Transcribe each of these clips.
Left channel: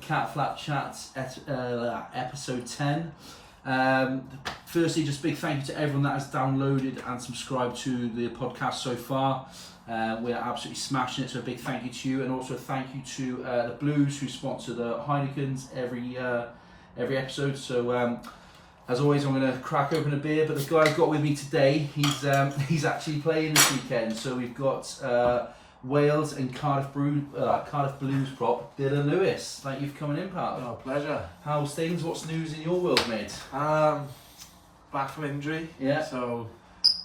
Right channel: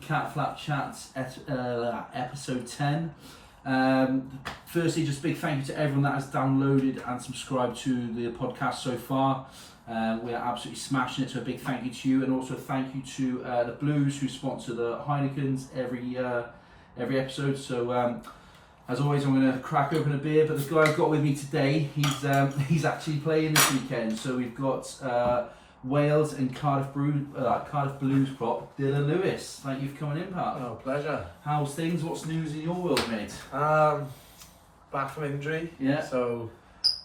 Catflap Chats episode 10. Firstly, just big thank you to everyone that has downloaded and subscribed to the podcast so far. We are absolutely smashing it, so a big thank you to you, and also a thank you to the Blues who sponsor the Heinekens every episode. So as always, I'm going to crack open a beer, but the guy I've got with me today, he's actually playing this weekend. So we've got Wales and Cardiff Blues prop, Dillon Lewis. Thank you for coming in, pal. Oh, pleasure. How's things? What's news in your world, mate? Back from injury. Yeah. So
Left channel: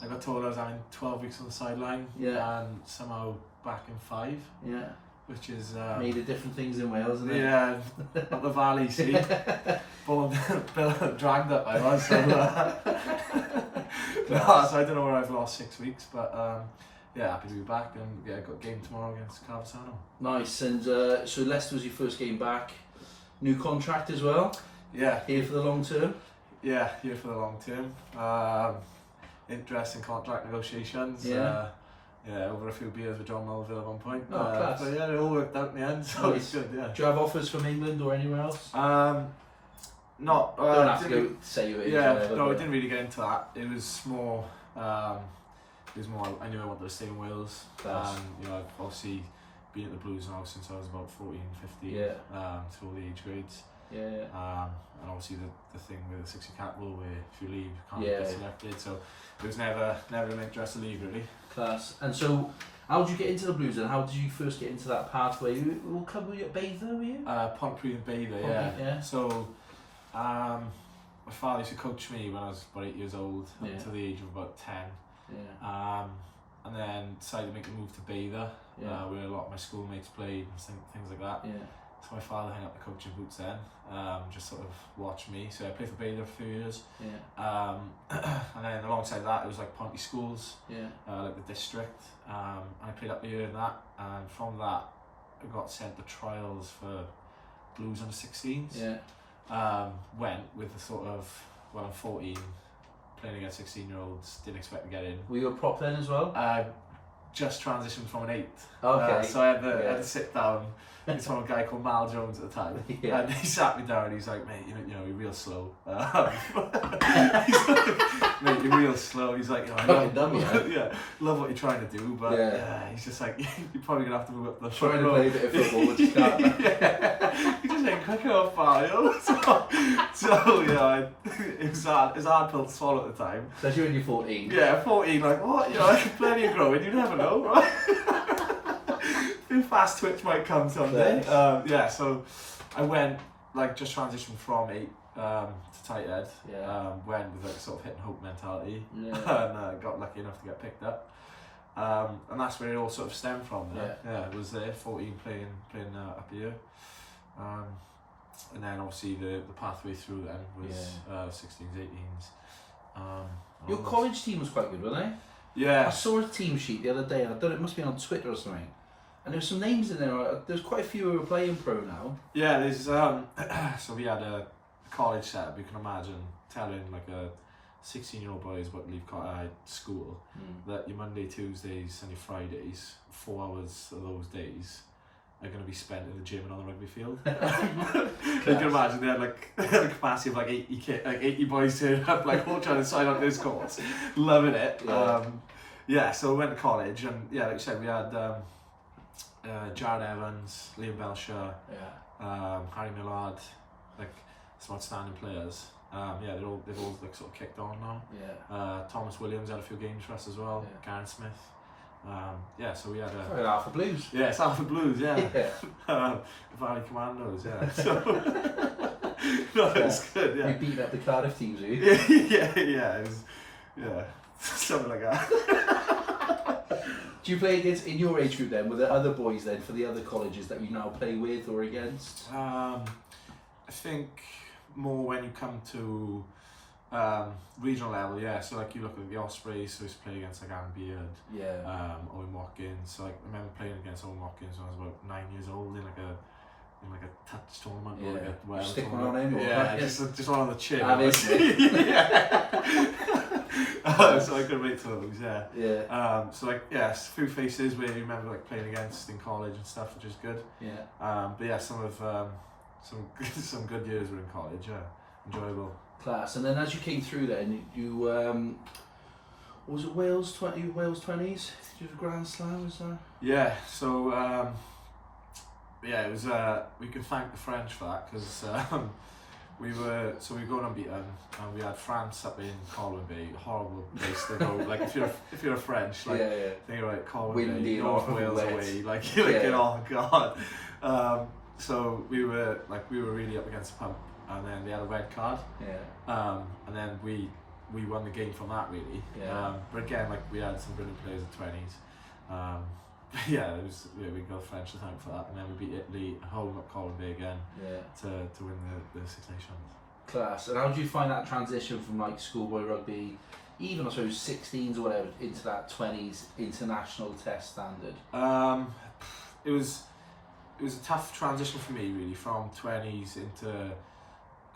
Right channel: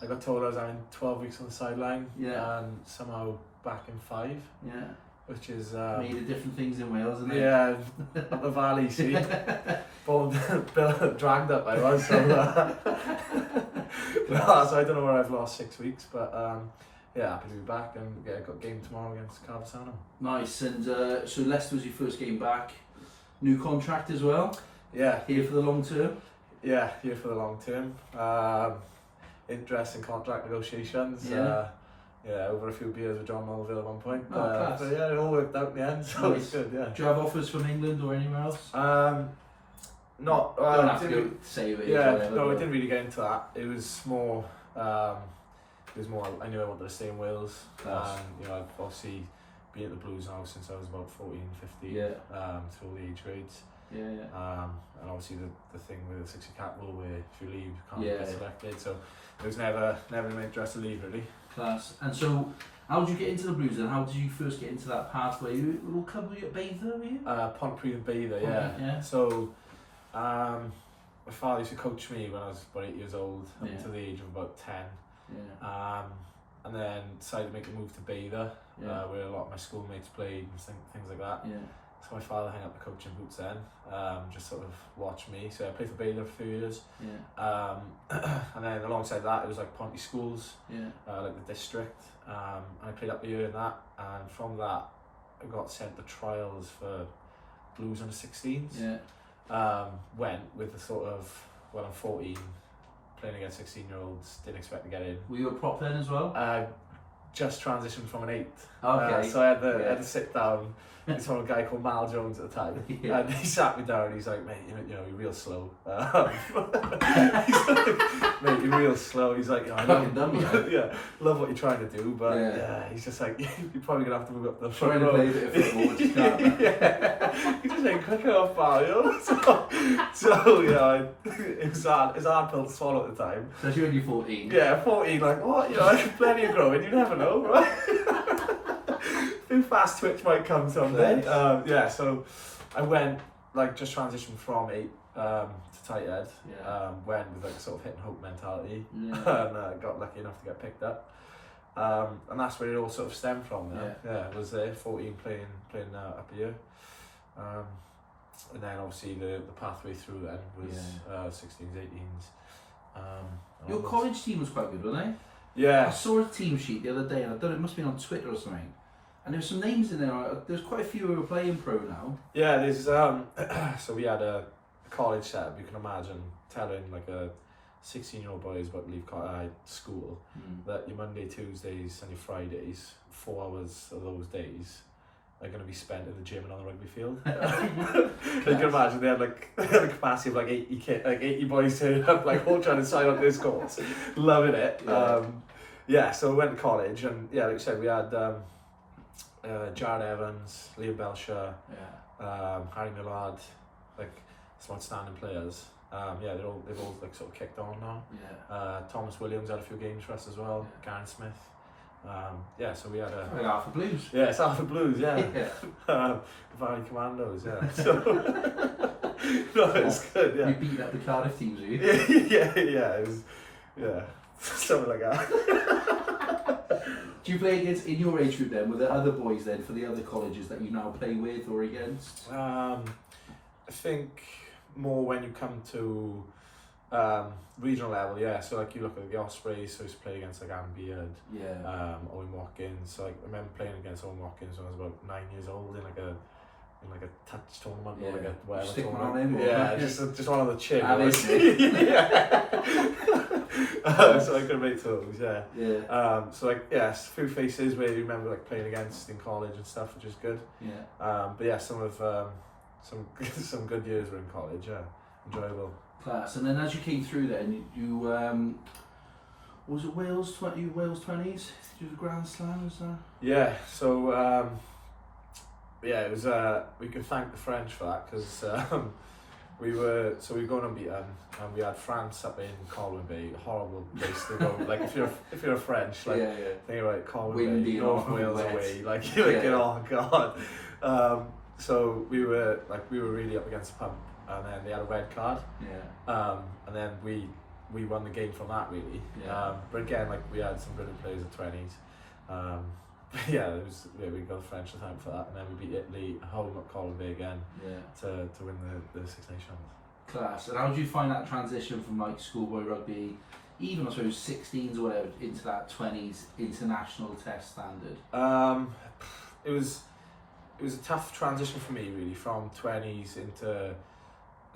I got told I was having 12 weeks on the sideline. Yeah. And somehow back in 5. Yeah. Which is made of different things in Wales, isn't it? Yeah. Up the valley, see. Bill dragged up I was. So, so I don't know where I've lost 6 weeks, but yeah, happy to be back, and yeah, got a game tomorrow against Cardiff. Nice. And so Leicester was your first game back. New contract as well. Yeah. Here for the long term. Yeah, here for the long term. Interesting contract negotiations. Yeah. Yeah, over a few beers with John Melville at one point. Oh, class. But yeah, it all worked out in the end, so Nice. it's good. Yeah. Do you have offers from England or anywhere else? Not. Don't have to go say who it is. Yeah, whatever, no, I but- didn't really get into that. It was more. I knew I wanted to stay in Wales. Class. You know, I've obviously been at the Blues now since I was about 14, 15. Yeah. To all the age grades. Yeah. And obviously the thing with the 60 cap rule where if you leave you can't Yeah. get selected, so it was never in my interest to leave really. Class. And so, how did you get into the Blues and how did you first get into that pathway? What club were you at Bather, were you? Pontypridd and Bather, Yeah. So my father used to coach me when I was about 8 years old up Yeah. to the age of about 10. Yeah. And then decided to make the move to Bather, Yeah. where a lot of my schoolmates played and things like that. Yeah. So my father hung up the coaching boots then, just sort of watched me. So I played for Bather for a few years. Yeah. And then alongside that, it was like Ponty schools, Yeah. like the district. I played up a year in that, and from that, I got sent to trials for Blues under 16s. Yeah. Went with the sort of, well, I'm 14, playing against 16-year-olds, didn't expect to get in. Were you a prop then as well? Just transitioned from an 8. Okay. So I had to sit down. It's from a guy called Mal Jones at the time, Yeah. and he sat me down and he's like, mate, you know, you're real slow. He's like, mate, you're real slow. He's like, I Fucking dumb, yeah, love what you're trying to do, but Yeah. yeah, he's just like, you're probably gonna have to move up the Trying front to row. play a bit of football, which you can't. Yeah, he just ain't quick enough, pal, you know. So you know, it was hard pill to swallow at the time. Especially when you're 14. Yeah, 14, like what? You know, plenty of growing. You never know, right? A fast twitch might come someday. Yeah, so I went like just transitioned from 8 to tight end. Yeah. Went with like a sort of hit and hope mentality, Yeah. and got lucky enough to get picked up. And that's where it all sort of stemmed from. Yeah, it was there 14 playing up a year. And then obviously the pathway through then was 16s, 18s. Your onwards. college team was quite good, wasn't they? Yeah. I saw a team sheet the other day, and I don't know, it must be on Twitter or something. And there's some names in there. There's quite a few who are playing pro now. Yeah, there's so we had a college setup. You can imagine telling like a 16-year-old boy who's about to leave school that your Monday, Tuesdays, and your Fridays, 4 hours of those days are going to be spent in the gym and on the rugby field. You can imagine they had like a capacity of like 80 boys turning up, like all trying to sign up to this course, loving it. Yeah. So we went to college, and yeah, like I said, we had Jared Evans, Liam Belcher, Harry Millard, like some outstanding players. They've all like sort of kicked on now. Yeah. Thomas Williams had a few games for us as well. Yeah. Garen Smith. So we had a. Right, Alpha Blues. Yeah, it's Alpha Blues. Yeah. Yeah. Valley Commandos. Yeah. So, no, it's good. You Yeah. beat up the Cardiff teams, were you? Yeah. It was. Yeah. Something like that. Do you play against, in your age group then, were there other boys then for the other colleges that you now play with or against? I think more when you come to regional level, yeah. So like you look at the Ospreys, so I used to play against like Anne Beard, Yeah. Owen Watkins. So like, I remember playing against Owen Watkins when I was about 9 years old in like a touch tournament or like a whatever Stick one tournament. on him, or Yeah, just on the chin. Ah, this Yeah. So I could make those, yeah. Yeah. So like a few faces where you remember like playing against in college and stuff, which is good. Yeah. But yeah, some of some good years were in college. Yeah, enjoyable. Class. And then as you came through, then you was it Wales 20s? Did you have a Grand Slam? Was that? Yeah. So yeah, it was. We can thank the French for that because we were going unbeaten and we had France up in Colwyn Bay, horrible place to go. Like if you're a French, like think about it, Colwyn Windy, Bay, North Wales away, like you're like oh god. So we were really up against the pump, and then they had a red card. Yeah. And then we won the game from that really. Yeah. But again, like we had some brilliant players at 20s. Yeah, we got the French time for that, and then we beat Italy home at Colwyn Bay again. Yeah. To win the Six Nations. Class. And how did you find that transition from like schoolboy rugby, even I suppose 16s or whatever, into that 20s international test standard? It was a tough transition for me really, from 20s into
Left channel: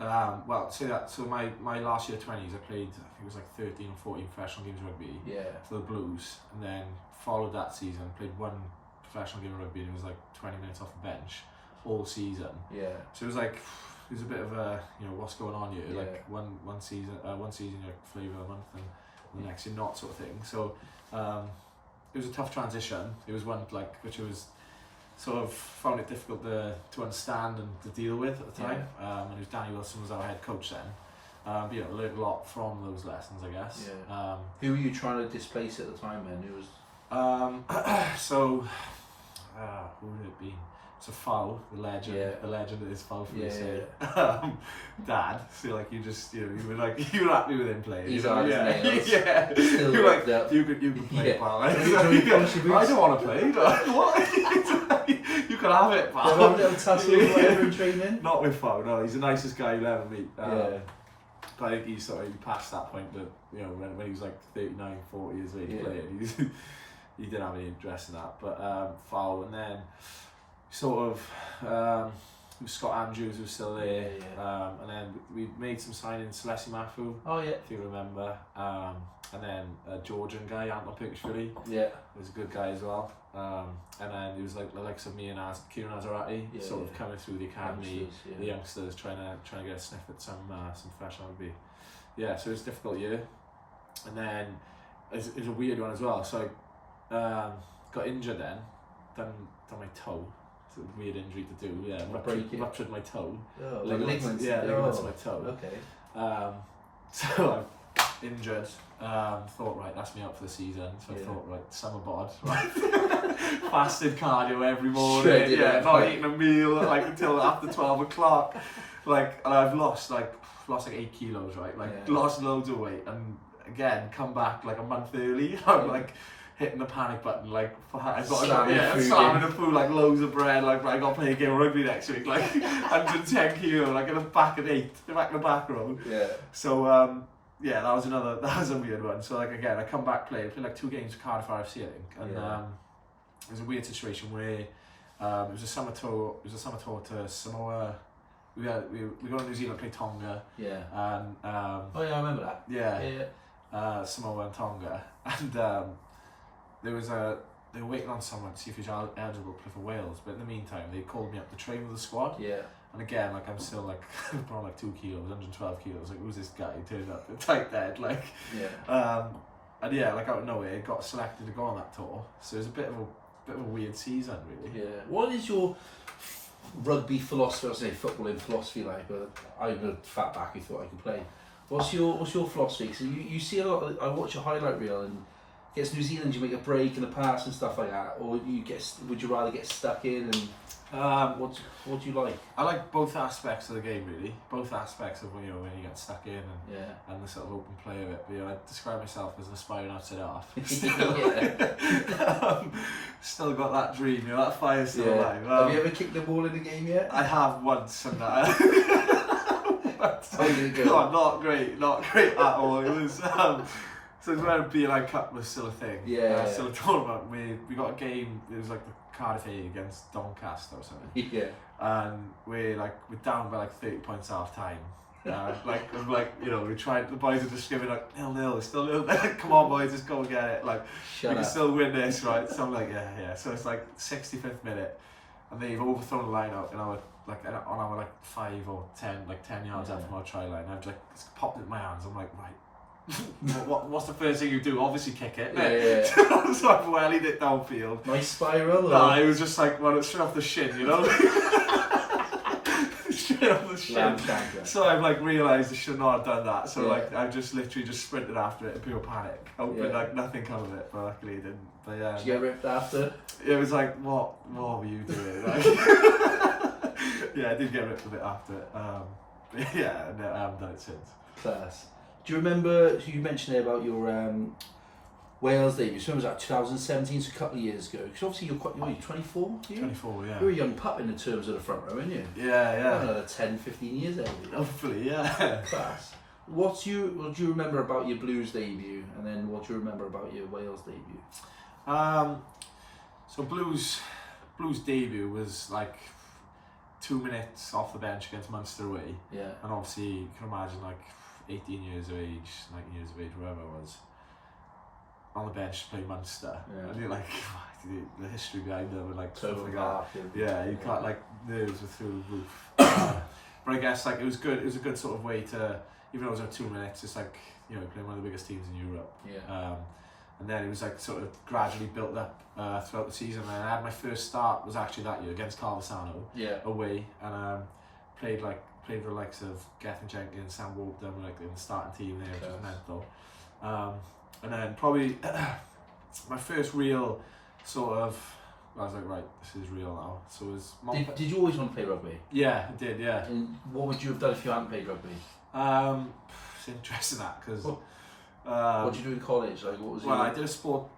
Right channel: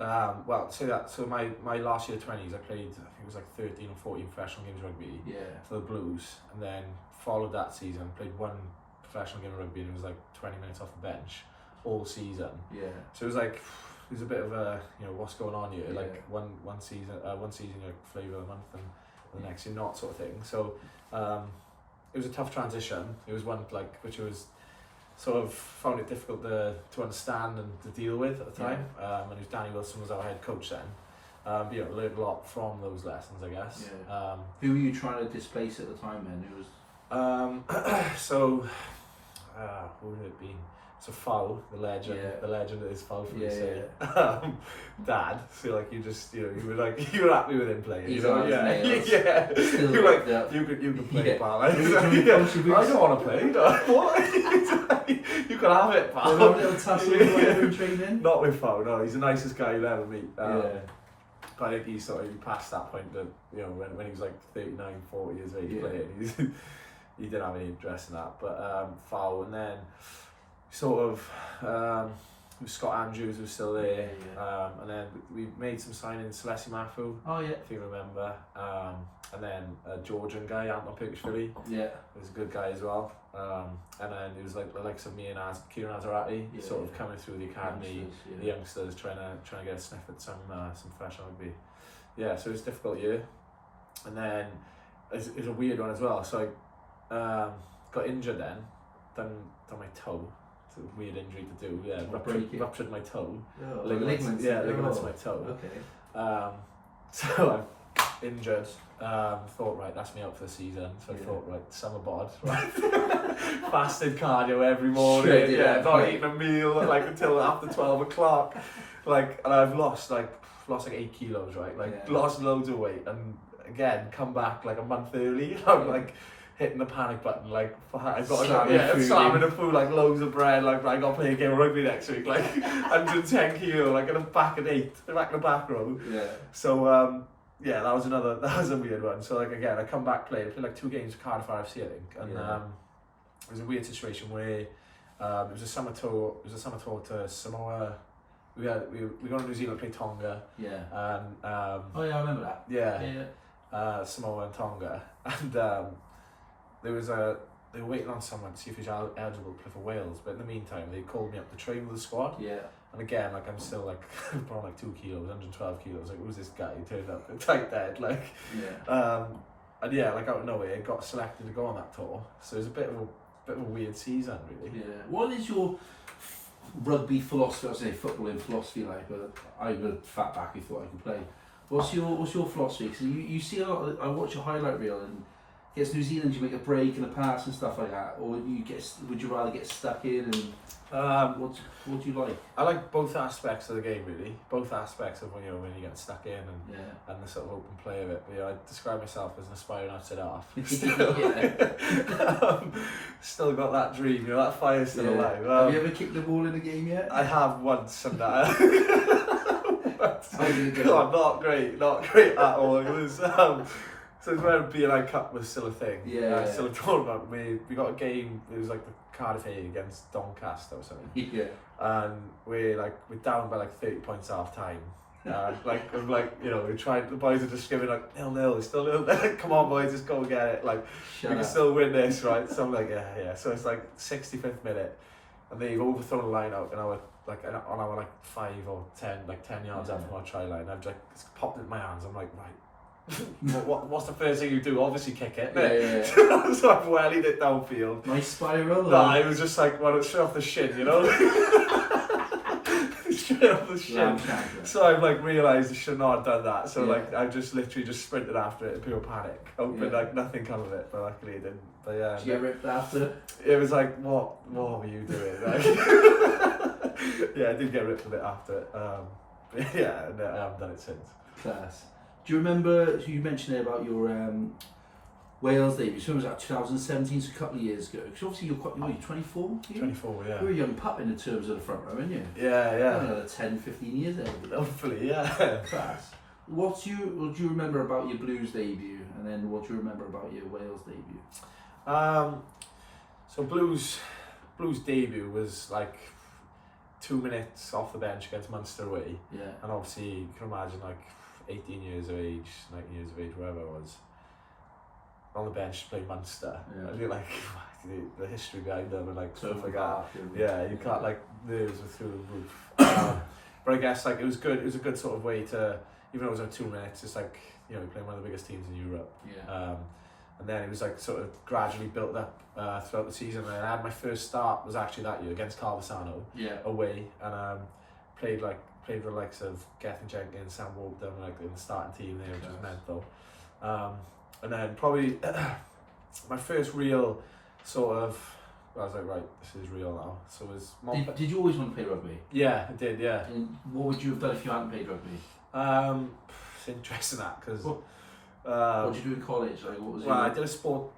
so my last year 20s I played, I think it was like 13 or 14 professional games of rugby for the Blues, and then followed that season, played one professional game of rugby and it was like 20 minutes off the bench all season. Yeah. So it was a bit of a, what's going on here? Yeah. Like one season you're like flavour of the month and the next you're not, sort of thing. So it was a tough transition. It was one which was sort of found it difficult to understand and to deal with at the time. And it was Danny Wilson was our head coach then. But learned a lot from those lessons, I guess. Yeah. Who were you trying to displace at the time then? Who was? Who would it be? So Fowl, the legend that is Fowl for me say. Dad, so like you were happy with him playing. He's on his nails. Yeah. You like you could play pal. I don't want to play. What? You can have it, pal. Have a little tussle or whatever in training. Not with Fowl. No, he's the nicest guy you'll ever meet. But I think he's sort of past that point that when he was like 39, 40 years of age playing, he didn't have any interest in that. But Fowl, and then sort of Scott Andrews was still there, and then we made some signings, Celessi Mafu, if you remember, and then a Georgian guy, Anton Perkishvili, was a good guy as well, and then it was like the likes of me and Kieran Azarati, sort of coming through the academy, the youngsters trying to get a sniff at some professional rugby. Yeah, so it was a difficult year, and then it's a weird one as well. So I got injured then, done my toe. A weird injury to do, ruptured my toe. Oh, ligaments to my toe. Okay. So I'm injured. Thought, right, that's me out for the season. So I thought, right, summer bod, right. Fasted cardio every morning. Not eating a meal like until after 12 o'clock. Like, and I've lost like 8 kilos, right? Like lost loads of weight, and again come back like a month early. I'm like hitting the panic button, like I've got slamming the food, like loads of bread, like I got to play a game of rugby next week, like 110 kilo, like in the back in the back row. Yeah. So that was a weird one. So like again, I come back played like 2 games for Cardiff RFC, I think, and it was a weird situation where it was a summer tour. It was a summer tour to Samoa. We go to New Zealand, play Tonga. Yeah. And I remember that. Yeah. Samoa and Tonga, and they were waiting on someone to see if he was eligible to play for Wales, but in the meantime they called me up to train with the squad. Yeah. And again, like I'm still like put on like 2 kilos, 112 kilos. Like who's this guy? He turned up tight dead, like. Yeah. And like out of nowhere, got selected to go on that tour. So it was a bit of a weird season, really. Yeah. What is your rugby philosophy? I was saying footballing philosophy, like. I'm a fat back who thought I could play. What's your philosophy? So you see a lot. I watch a highlight reel and. Against New Zealand, you make a break and a pass and stuff like that, or would you rather get stuck in? And what do you like? I like both aspects of the game, really. Both aspects of when you get stuck in and the sort of open play of it. But I describe myself as an aspiring outside half. Still got that dream, that fire's still alive. Have you ever kicked the ball in the game yet? I have once, and that. Not great at all. It was. So it was when BNI Cup was still a thing. Still a tournament. We got a game. It was like the Cardiff A against Doncaster or something. Yeah. And we're down by like 30 points half time. We tried. The boys are just giving like 0-0. It's still 0-0. Come on, boys, just go and get it. Like we can still win this, right? So I'm like, yeah. So it's like 65th minute, and they've overthrown the line out in our like on our like 5 or 10 yards out from our try line. I've just popped it in my hands. I'm like, right. What's the first thing you do? Obviously kick it. Yeah. So I've wellied it downfield. Nice spiral? Nah, it was just like, well, it's straight off the shin, you know? Straight off the shin. So I've like realised I should not have done that. So like I've just literally just sprinted after it in pure panic. Hoping like nothing come of it, but luckily it didn't. But yeah. Did you get ripped after? It was like, what were you doing? Like, yeah, I did get ripped a bit after it. But yeah, no, I haven't done it since. Class. Do you remember, you mentioned there about your Wales debut, so it was like 2017, so a couple of years ago, because obviously you're 24? 24, yeah. You're a young pup in the terms of the front row, aren't you? Yeah. Another 10, 15 years there. Hopefully, yeah. Class. What do you remember about your Blues debut, and then what do you remember about your Wales debut? So Blues debut was like 2 minutes off the bench against Munster away. Yeah. And obviously you can imagine like 18 years of age, 19 years of age, wherever it was, on the bench to play Munster. Yeah. And you're like, the history behind them and like stuff like that. Yeah, You can't, like, nerves were through the roof. But I guess like it was good. It was a good sort of way to, even though it was like 2 minutes, it's like, you know, you're playing one of the biggest teams in Europe. Yeah. And then it was like sort of gradually built up throughout the season. And I had my first start was actually that year against Cardiff away, and played with the likes of Gethin Jenkins, Sam Walton, like in the starting team there, which was mental. And then probably my first real sort of, I was like, right, this is real now. So it was. Did you always want to play rugby? Yeah, I did. Yeah. And what would you have done if you hadn't played rugby? It's interesting that because. What did you do in college? Like, what was I did a sports.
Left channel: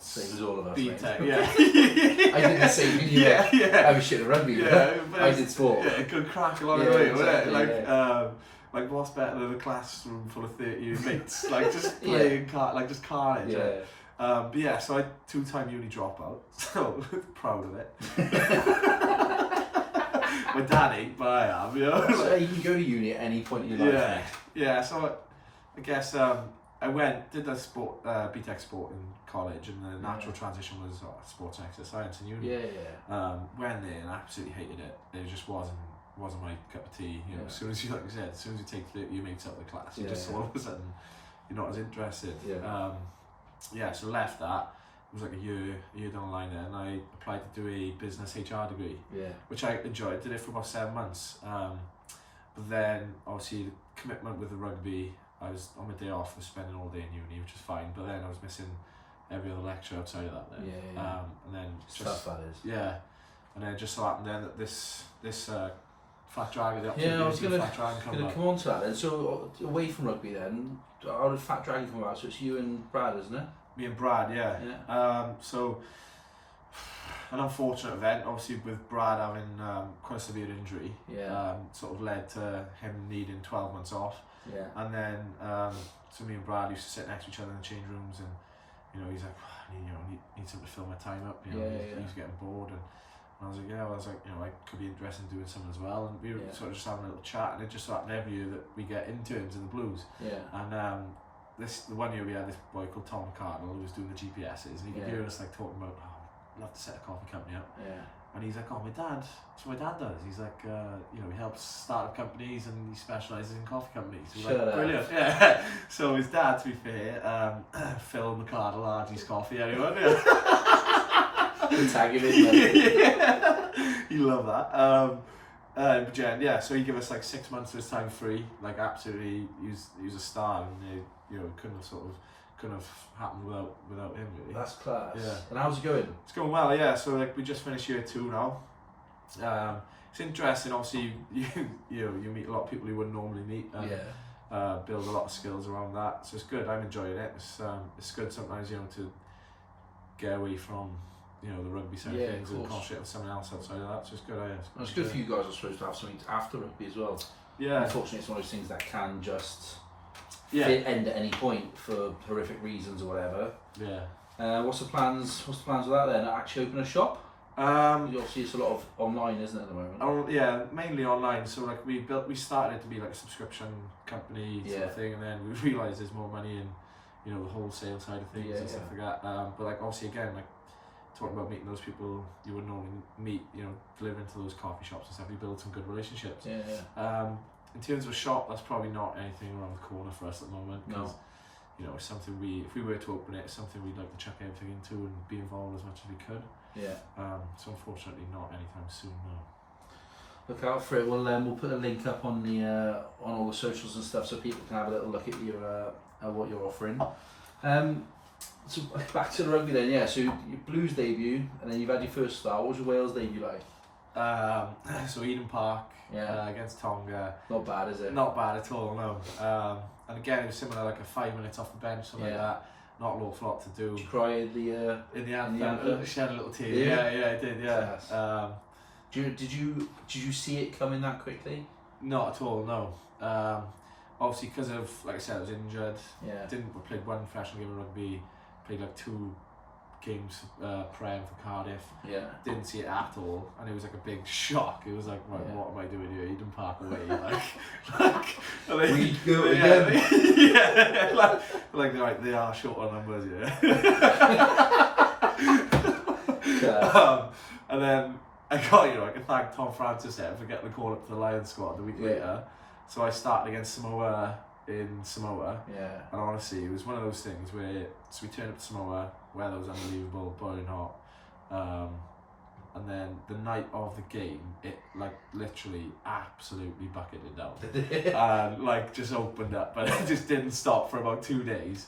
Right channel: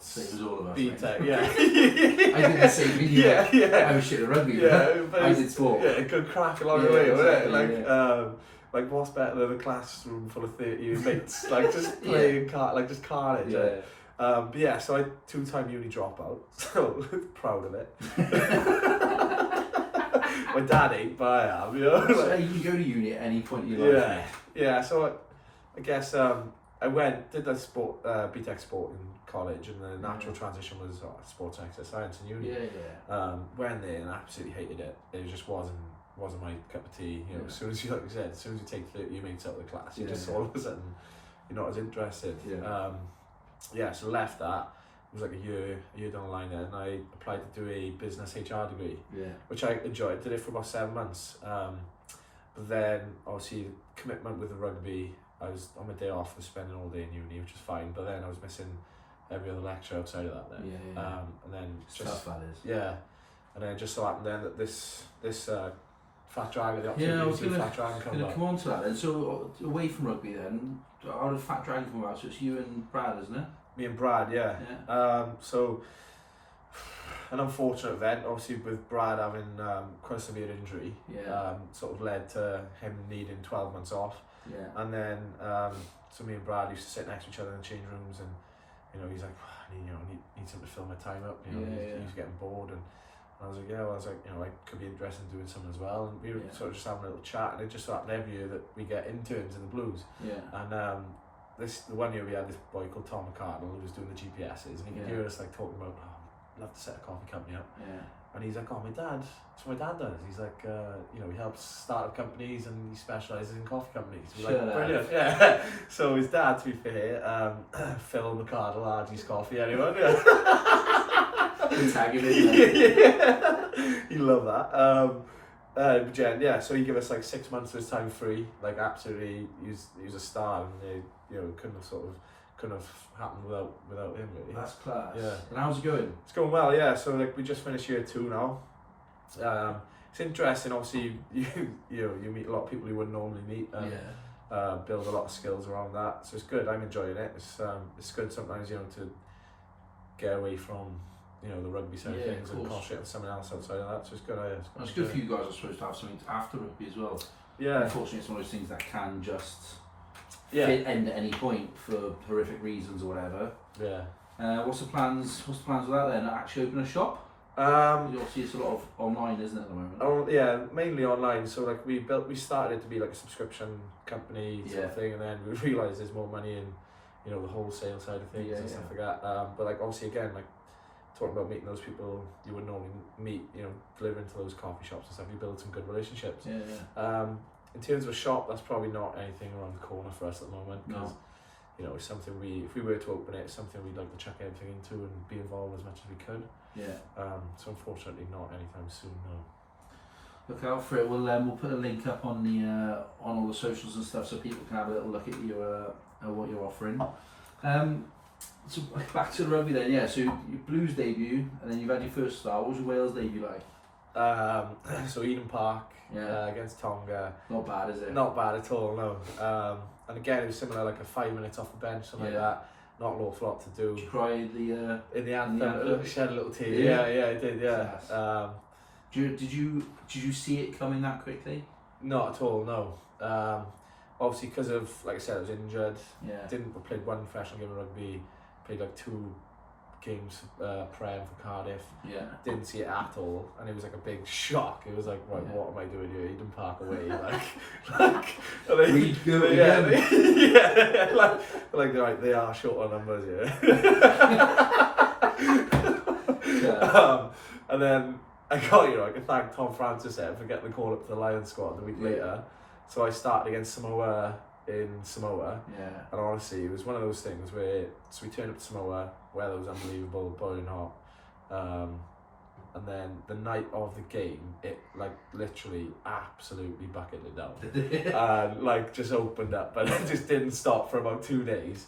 Same as all of us. BTEC, mate. yeah. I did the same thing. Yeah. I was shit at rugby. Yeah, but I did sport. Yeah, a good crack along the way, exactly, wasn't it? Like what's better than a classroom full of 30 mates? Like just playing just carnage. Yeah. But yeah, so I 2-time uni dropout, so proud of it. My dad ain't, but I am, you know. So you can go to uni at any point in your life. Yeah. So I guess did the BTEC sport in college, and the natural transition was sports and exercise science in uni. Went there and absolutely hated it. It just wasn't my cup of tea. You know, as soon as you, like I said, as soon as you take 30 your mates out of the class, you just all of a sudden you're not as interested. So left that. It was like a year down the line, and I applied to do a business HR degree, which I enjoyed. Did it for about 7 months. But then obviously the commitment with the rugby, I was on my day off, was spending all day in uni, which was fine. But then I was missing every other lecture outside of that. Then, and then Tough, that is. Yeah, and then it just so happened then that this Fat Dragon, I was going to come come on to that then. So away from rugby then, how did Fat Dragon come about? So it's you and Brad, isn't it? Me and Brad, yeah. So an unfortunate event, obviously with Brad having quite a severe injury, sort of led to him needing 12 months off. Yeah. And then, so me and Brad used to sit next to each other in the change rooms, and you know, he's like, need something to fill my time up. You know, he was getting bored, and I was like, you know, I could be interested in doing something as well. And we were sort of just having a little chat, and it just so happened every year that we get interns in the Blues. Yeah. And the one year we had this boy called Tom McCardle who was doing the GPSs, and he could hear us like talking about, I'd love to set a coffee company up. Yeah. And he's like, that's what my dad does. He's like, you know, he helps start up companies and he specialises in coffee companies. So like, brilliant. Yeah. So his dad, to be fair, Phil McCardle, RG's Coffee, anyone? Tag him in there. He loved that. But Jen, so he gave us like 6 months of his time free. Like absolutely, he was a star, and you know, couldn't have happened without him really. That's class. Yeah. And how's it going? It's going well, yeah. So like we just finished year 2 now. It's interesting. Obviously, you meet a lot of people you wouldn't normally meet. Build a lot of skills around that. So it's good. I'm enjoying it. It's good sometimes, you know, to get away from, you know, the rugby side of things and concentrate on someone else outside of that. So it's good. It's good for you guys, I suppose, to have something after rugby as well. Yeah. Unfortunately, it's one of those things that can just end at any point for horrific reasons or whatever. Yeah. What's the plans? What's the plans with that then? Actually open a shop? Obviously it's a lot of online, isn't it, at the moment? Yeah, mainly online. So like we started it to be like a subscription company sort of thing, and then we realised there's more money in, you know, the wholesale side of things and stuff like that. But like obviously again, like talking about meeting those people you would normally meet, you know, delivering to those coffee shops and stuff, you build some good relationships. In terms of a shop, that's probably not anything around the corner for us at the moment. No. You know, it's something if we were to open it, it's something we'd like to chuck everything into and be involved as much as we could. Yeah. So unfortunately not anytime soon, no. Look out for it. We'll put a link up on the on all the socials and stuff so people can have a little look at your at what you're offering. So back to the rugby then, yeah. So your Blues debut, and then you've had your first start. What was your Wales debut like? So Eden Park Yeah. against Tonga. Not bad, is it? Not bad at all, no. And again, it was similar, like a 5 minutes off the bench, something like that. Not an awful lot to do. Did you cry in the anthem? Shed a little tear. Yeah, I did. Yeah. Did you see it coming that quickly? Not at all, no. Obviously, because of, like I said, I was injured. Yeah. Played one professional game of rugby. Played like 2 games prem for Cardiff. Yeah. Didn't see it at all, and it was like a big shock. It was like, right, what am I doing here? Eden Park away, We go again. Yeah, like they are short on numbers, yeah. And then I got, I can thank Tom Francis there for getting the call up to the Lions squad the week later. So I started against Samoa in Samoa. Yeah. And honestly, it was one of those things where, so we turned up to Samoa, weather was unbelievable, boiling hot. And then the night of the game, it like literally absolutely bucketed it down. And like just opened up, but it just didn't stop for about 2 days.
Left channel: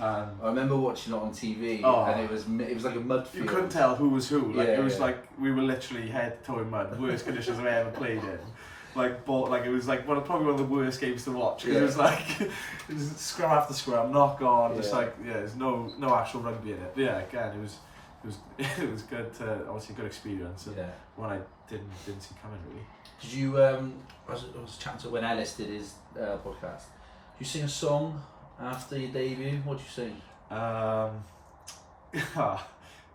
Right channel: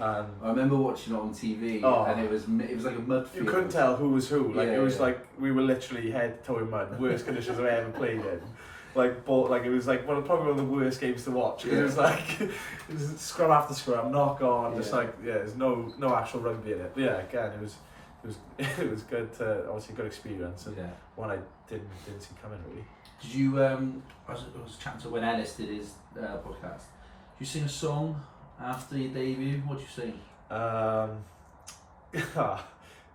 I remember watching it on TV, and it was like a mud field. You couldn't tell who was who. Like it was like we were literally head to toe in mud. Worst conditions I've ever played in. It was like probably one of the worst games to watch. It was like it was scrum after scrum, knock on, just there's no actual rugby in it. But yeah, again, it was good. Obviously, good experience, and one I didn't see coming really. Did you? I was chatting to when Ellis did his podcast. Did you sing a song after your debut? What did you sing?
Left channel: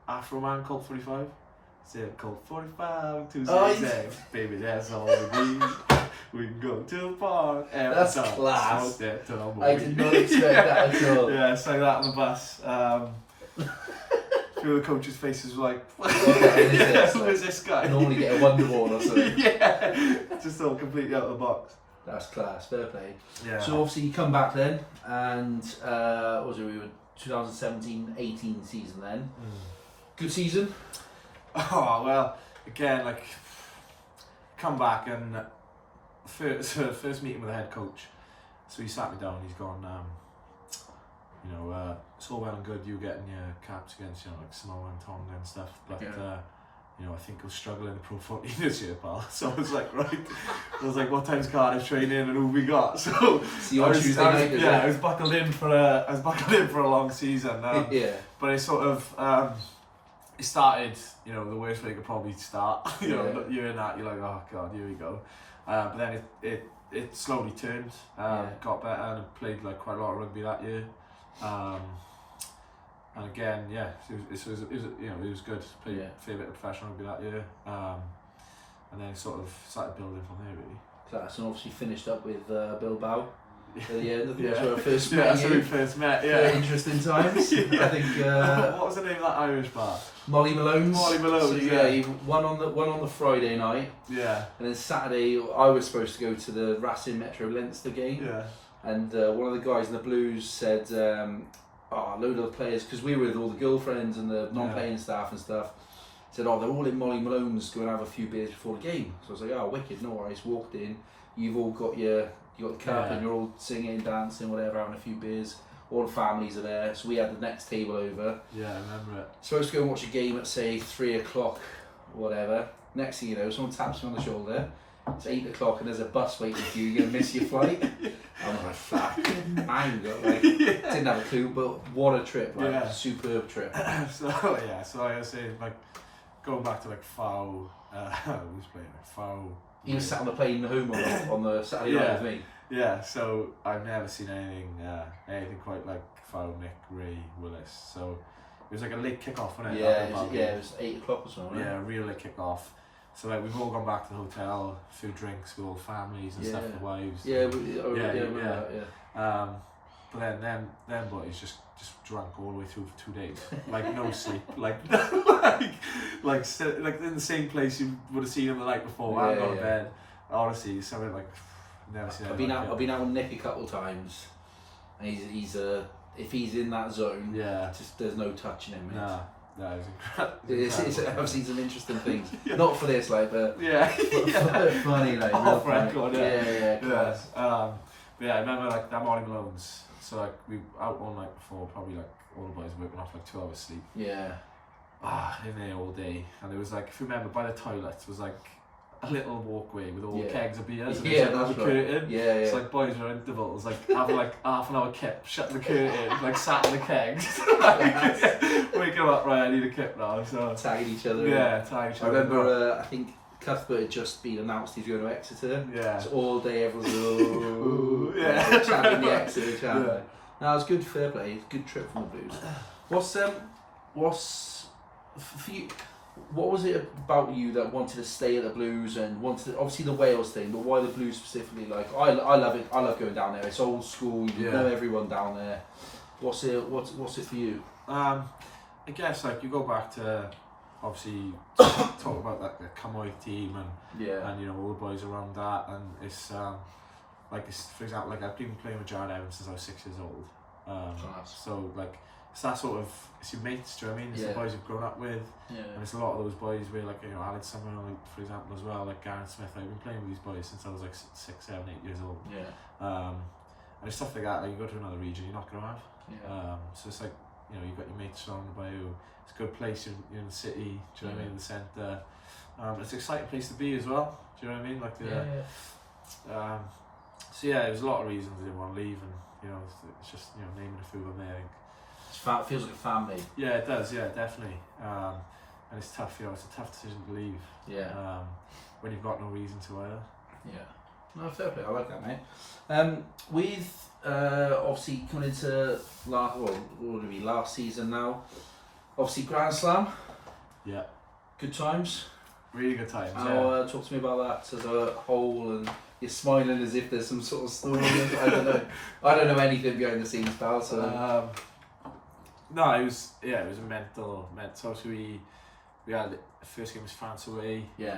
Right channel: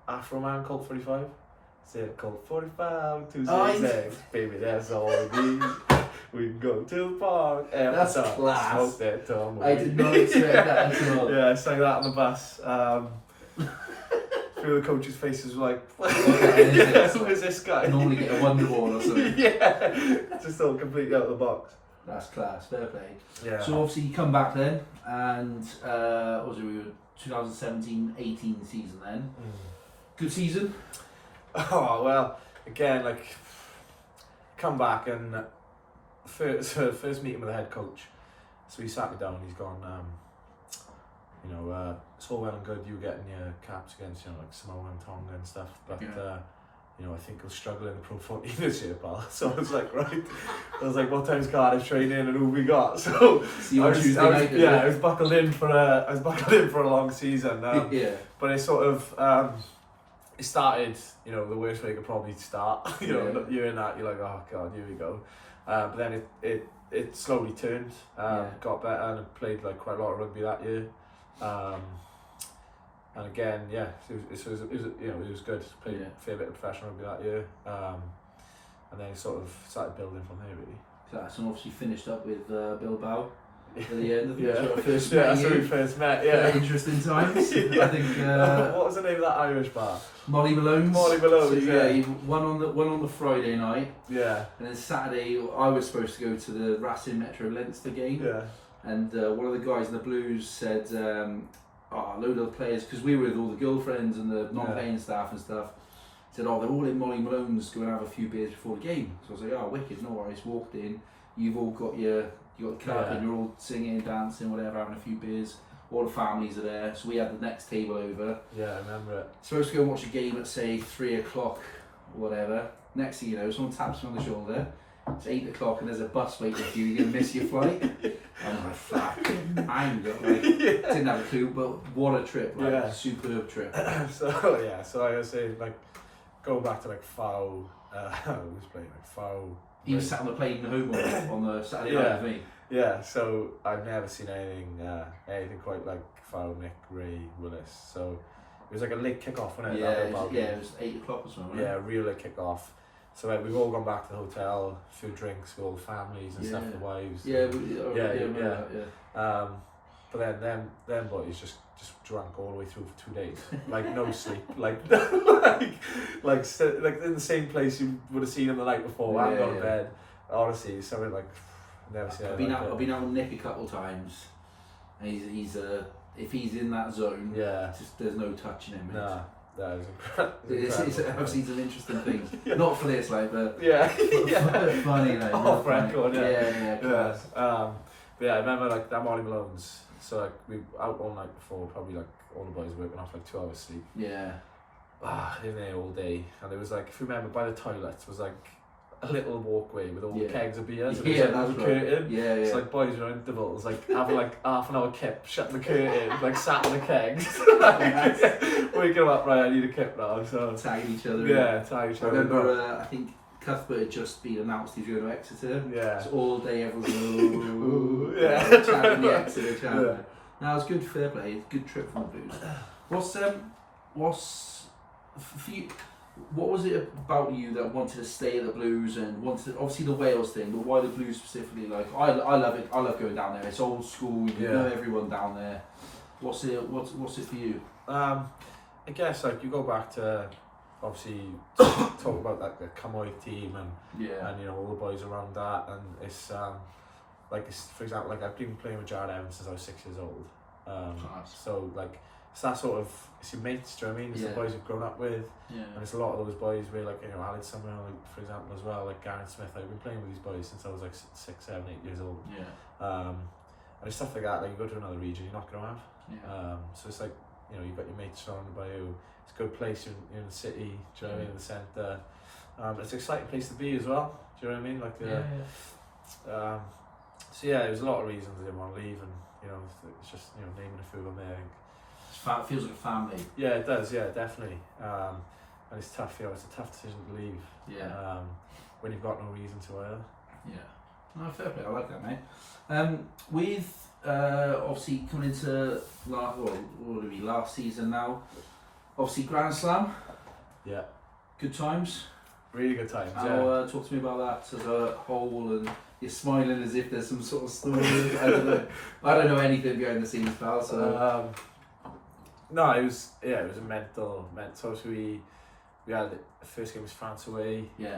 Afro Man, Colt 45. Said Colt 45, 266, baby, that's all we need. We can go to the park. That's class. That, Tom, I did not expect that at all. Yeah, I sang that on the bus. Through the coach's faces were like, who's this guy? Normally get a Wonder Wall or something. Yeah, just all completely out of the box. That's class, fair play. Yeah. So obviously you come back then, and what was it, we were 2017-18 season then. Good season? Oh, well, again, like, come back and first meeting with the head coach. So he sat me down, he's gone, it's all well and good you getting your caps against, like Samoa and Tonga and stuff, but, I think you'll struggle in the Pro 14 this year, pal. So I was like, right. I was like, what time's Cardiff training and who we got? So see you on Tuesday night. I was buckled in for a long season. But I sort of, it started, the worst way it could probably start. You're in that, you're like, oh god, here we go. But then it slowly turned, got better, and I played like quite a lot of rugby that year. And again, it was good. Played a fair bit of professional rugby that year, and then sort of started building from there really. Class, and obviously finished up with Bilbao at the end. That's where I first met met that's where we first met. Yeah, very interesting times. I think. What was the name of that Irish bar? Molly Malone's. Molly Malone's. So, he one on the Friday night. Yeah. And then Saturday, I was supposed to go to the Racing Metro Leinster game. Yeah. And one of the guys in the Blues said, a load of the players, because we were with all the girlfriends and the non-playing staff and stuff, said, they're all in Molly Malone's, go and have a few beers before the game. So I was like, wicked, no worries. Walked in, you've all got the cup and you're all singing, dancing, whatever, having a few beers. All the families are there, so we had the next table over. Yeah, I remember it. Supposed to go and watch a game at say 3 o'clock or whatever. Next thing you know, someone taps me on the shoulder. It's 8 o'clock and there's a bus waiting for you. You're gonna miss your flight. I'm like, fucking anger. Didn't have a clue, but what a trip! Superb trip. So I was saying, like, going back to like Fow. Who was playing like Fow? He was sat on the plane home on the Saturday night with me. Yeah, so I've never seen anything quite like Fow, Mick, Ray, Willis. So it was like a late kick-off, wasn't it? It was 8 o'clock or something. Yeah, a real late kick-off. So we've all gone back to the hotel, a few drinks with all families and stuff, the wives. But then them boys just drank all the way through for 2 days, like no sleep, like in the same place you would have seen him the night before. I hadn't gone to bed. Honestly, something like never seen. I've been out with Nick a couple of times, and he's if he's in that zone, just there's no touching him. Nah. That is incredible. It's obviously some interesting things. Not for this, like, but funny, like, off record, yeah. But yeah, I remember like that morning Malone's. So like we out all night before, probably like all the boys working off like 2 hours sleep. Yeah. In there all day, and there was like, if you remember, by the toilets was like a little walkway with all the kegs of beers. And yeah, that's right. Curtain. Yeah. It's like boys were intervals, like having like half an hour kip, shutting the curtain, like sat in the kegs, waking up, right, I need a kip now. So tagging each other. Yeah, tagging each other. I remember, I think Cuthbert had just been announced he's going to Exeter. Yeah. So all day everyone was chanting the Exeter chant. Yeah. No, it was good, fair play. Good trip from the Blues. What's for you? What was it about you that wanted to stay at the Blues and wanted obviously the Wales thing, but why the Blues specifically? Like I love it. I love going down there. It's old school. You know everyone down there. What's it for you? I guess like you go back to obviously talk about like the Camoy team and you know all the boys around that, and it's like it's, for example, like I've been playing with Jared Evans since I was 6 years old. So like it's that sort of, it's your mates, do you know what I mean? It's the boys you've grown up with, and it's a lot of those boys where like, you know, Alex Summerall, like, for example, as well, like Gareth Smith. I've been playing with these boys since I was like 6, 7, 8 years old. And it's stuff like that, like you go to another region you're not going to have. So it's like, you know, you've got your mates surrounded by you. It's a good place, you're in the city, do you know what I mean, in the centre. It's an exciting place to be as well, do you know what I mean? Like so yeah, there's a lot of reasons I didn't want to leave, and you know, it's just, you know, naming a few of them there. It feels like a family. Yeah, it does. Yeah, definitely. And it's tough. You know, it's a tough decision to leave. When you've got no reason to either. Yeah. No, fair play. I like that, mate. With obviously coming into last season now. Obviously Grand Slam. Yeah. Good times. Really good times. Talk to me about that as a whole, and you're smiling as if there's some sort of story. I don't know. I don't know anything behind the scenes, pal. So. No, it was a mental. So we had the first game was France away. Yeah.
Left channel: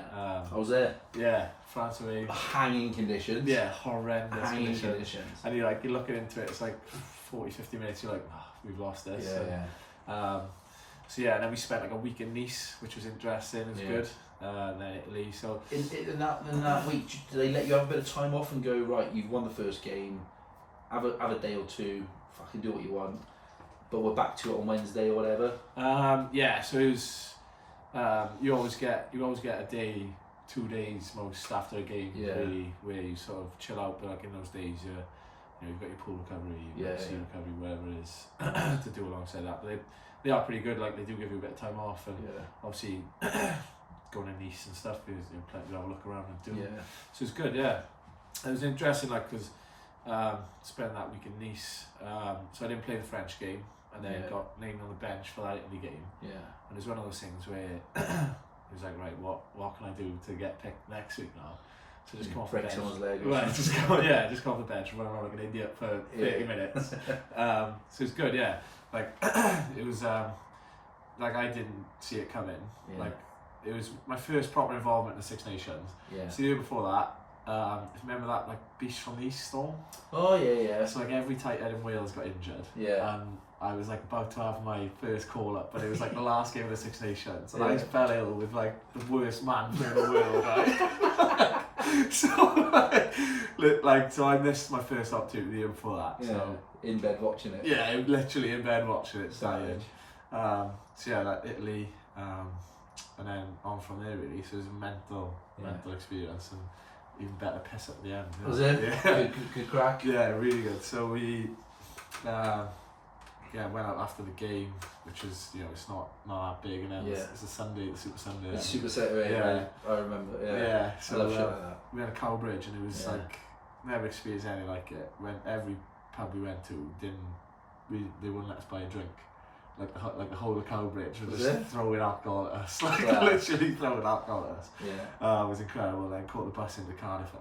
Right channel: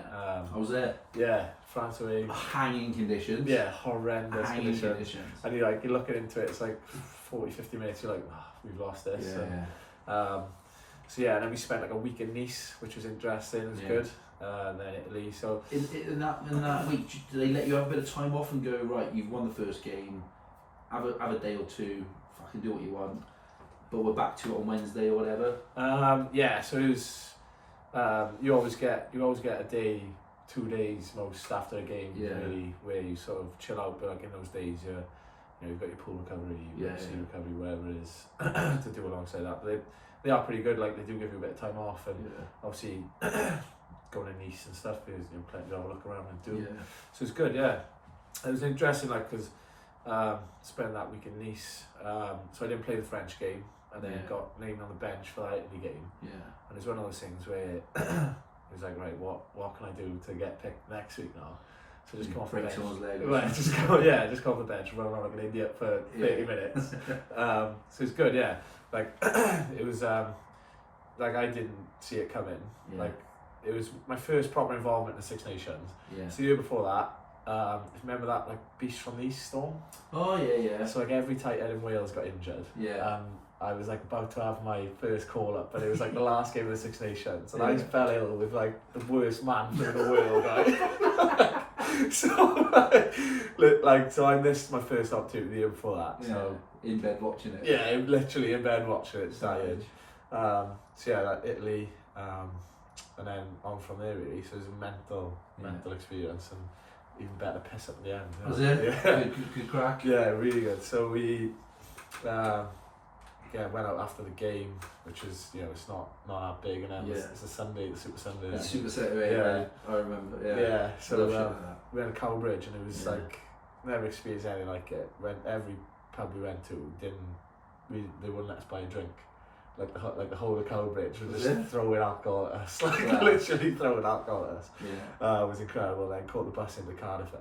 I was there. Yeah, France away. Hanging conditions. Yeah, horrendous conditions. And you're looking into it. It's like 40-50 minutes. You're like, we've lost this. So yeah, and then we spent like a week in Nice, which was interesting. It was good. And then Italy. So in that week, do they let you have a bit of time off and go, right? You've won the first game. Have a day or two. Fucking do what you want. But we're back to it on Wednesday or whatever. So it was. You always get a day, 2 days most after a game, really, where you sort of chill out. But like in those days, you've got your pool recovery, sea recovery, whatever it is, to do alongside that. But they are pretty good. Like they do give you a bit of time off, and obviously going to Nice and stuff, there's plenty to look around and do. Yeah. So it's good. Yeah, it was interesting, like because spent that week in Nice. So I didn't play the French game. And then got named on the bench for that Italy game. Yeah. And it's one of those things where it was like, right, what can I do to get picked next week now? So just come off the bench. Someone's leg. Right, just come off the bench and run around like an idiot for 30 minutes. So it's good, yeah. Like it was like I didn't see it coming. Yeah. Like it was my first proper involvement in the Six Nations. Yeah. So the year before that, remember that like Beast from the East storm? Oh yeah. So like every tight head in Wales got injured. Yeah. I was like about to have my first call up, but it was like the last game of the Six Nations, and I fell ill with like the worst man in the world, right? So I missed my first opportunity the year before that. Yeah. So in bed watching it. Yeah, literally in bed watching it, dying. So yeah, like Italy, and then on from there really. So it was a mental experience, and even better piss at the end. Was it? Yeah. Good crack. Yeah, really good. So we went out after the game, which is, it's not that big, and then it's a Sunday, the Super Sunday. The Super Saturday, yeah. I remember. Yeah. So we had a Cowbridge, and it was like never experienced anything like it. When every pub we went to they wouldn't let us buy a drink. Like the whole of Cowbridge was just throwing alcohol at us, literally throwing alcohol at us. Yeah. It was incredible. Then caught the bus into Cardiff,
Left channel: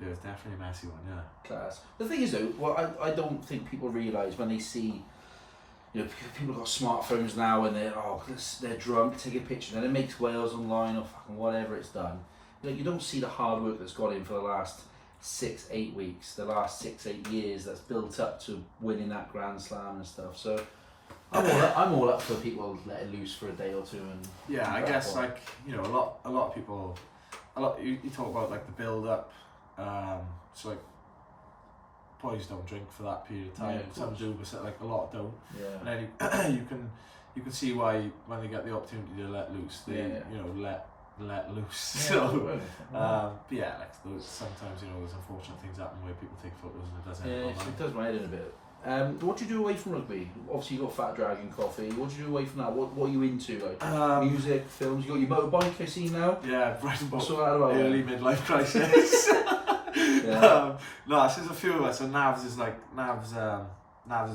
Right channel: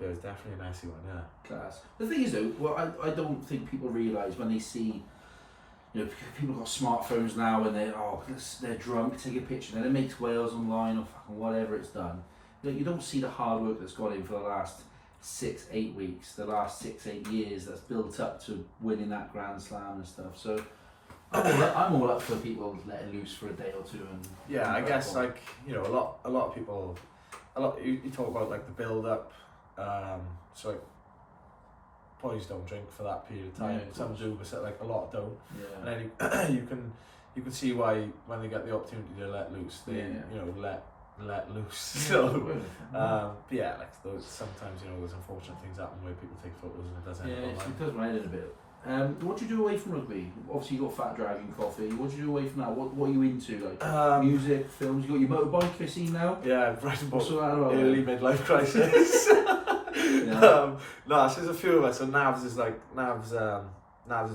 it was definitely a messy one, yeah. Class. The thing is though, what I don't think people realise when they see, you know, people got smartphones now and they're drunk, take a picture, and then it makes Wales online or fucking whatever it's done. You know, you don't see the hard work that's gone in for the last 6-8 weeks, the last 6-8 years that's built up to winning that Grand Slam and stuff. So I'm all up for people letting loose for a day or two and. Yeah, I guess like, you know, a lot of people, you talk about like the build up. So like boys don't drink for that period of time. Yeah, of some course. do, but like a lot don't. Yeah. And then you can see why when they get the opportunity to let loose, they you know let loose. Yeah, so yeah, like sometimes, you know, there's unfortunate things happen where people take photos and it doesn't. Yeah, it does my head in a bit. What do you do away from rugby? Obviously you got Fat Dragon Coffee. What do you do away from that? What are you into? Like music, films? You got your motorbike I see now? Yeah, right about What's all that about? early midlife crisis. Yeah. No, so there's a few of us. So Navs is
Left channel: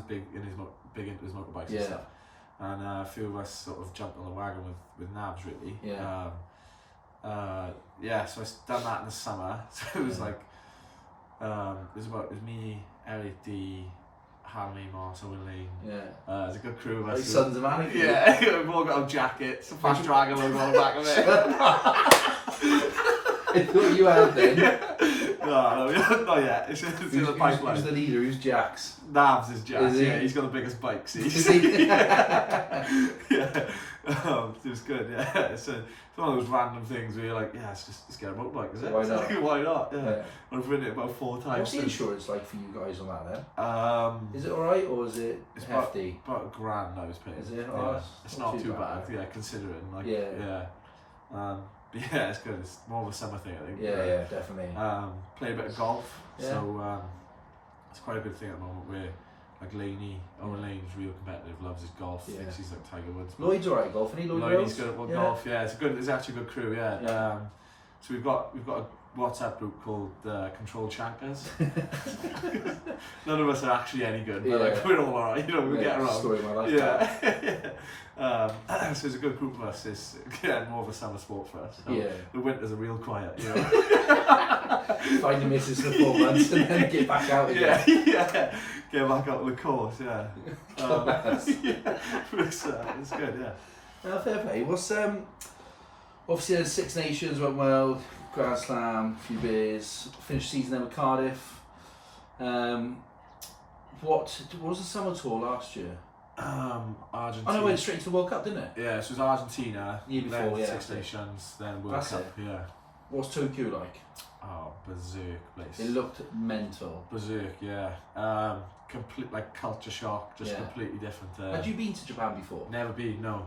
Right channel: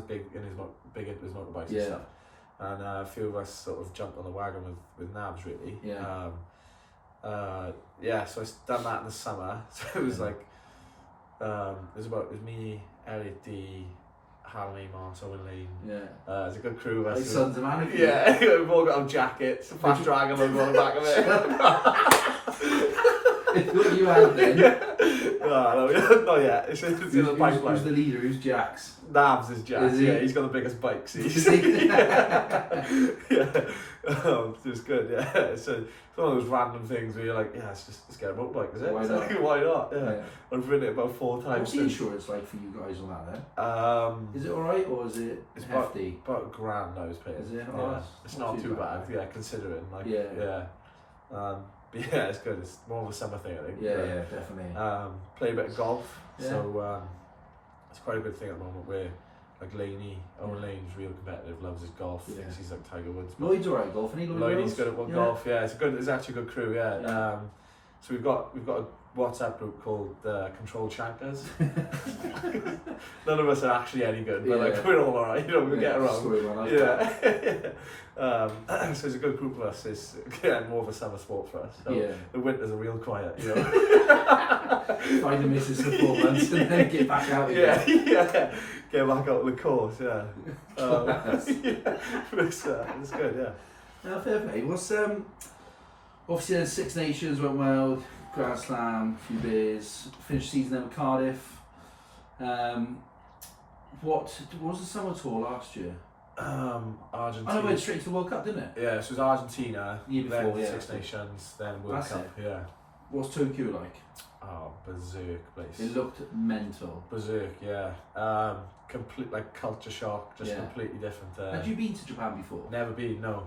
big into his motorbikes and stuff. And a few of us sort of jumped on the wagon with Navs really. Yeah. So I done that in the summer. So it was like it was me, Elliot D, Harry, Mars, Owen Lane. Yeah. It's a good crew of us. Like Sons of Anarchy. Yeah, we've all got our jackets, Fast Dragon logo on the back of it. It's what you had then. No, not yet. It's in the pipeline. Who's the leader? Who's Jax? Navs is Jax. Is he? Yeah, he's got the biggest bikes. Is he? Yeah. It was good. Yeah, it's one of those random things where you're like, yeah, let's get a motorbike, is it? Why not? Like, why not? Yeah. Yeah. I've ridden it about 4 times. What's the insurance like for you guys on that then? Is Is it alright or is it it's hefty? about £1,000 I was paying. Is it? Yeah. Oh, It's not too bad. Yeah, considering like Yeah. But yeah, it's good. It's more of a summer thing, I think. Yeah, definitely. Play a bit of golf. Yeah. So it's quite a good thing at the moment where like Owen Lane's real competitive, loves his golf, Yeah. thinks he's like Tiger Woods. Lloyd's alright at golf, isn't he? Lloyd's good at golf, yeah. It's actually a good crew, yeah. Yeah. So we've got a WhatsApp group called Control Chankers. None of us are actually any good, but like we're all alright, you know, we get around. Story of my life. So it's a good group of us. It's more of a summer sport for us. So Yeah. the winters are real quiet, you know. Find the missus for 4 months and then get back out again. Yeah. Get back out on the course, yeah. It's good, yeah. Fair play. What's obviously then Six Nations went well, Grand Slam, a few beers, finished the season then with Cardiff. What was the summer tour last year? Argentina. Oh no, went straight into the World Cup, didn't it? Yeah, so it was Argentina, Year before, then yeah. Six Nations, then World That's Cup, it. yeah. What's Tokyo like? Oh, berserk place. It looked mental. Berserk, yeah. Complete like culture shock, just completely different. Had you been to Japan before? Never been, no.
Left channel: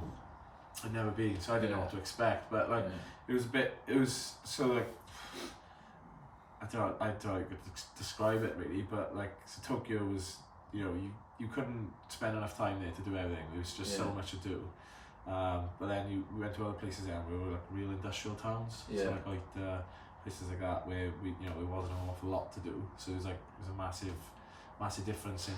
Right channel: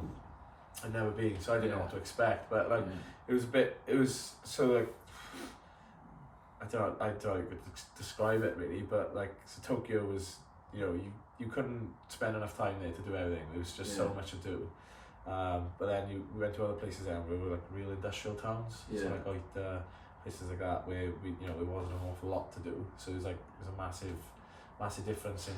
I'd never been, so I didn't know what to expect. But like, it was so like, I don't know how to describe it really, but like, so Tokyo was, you know, you couldn't spend enough time there to do everything. There was just so much to do. But then we went to other places there, and we were like real industrial towns. So like places like that where there wasn't an awful lot to do. So it was a massive difference in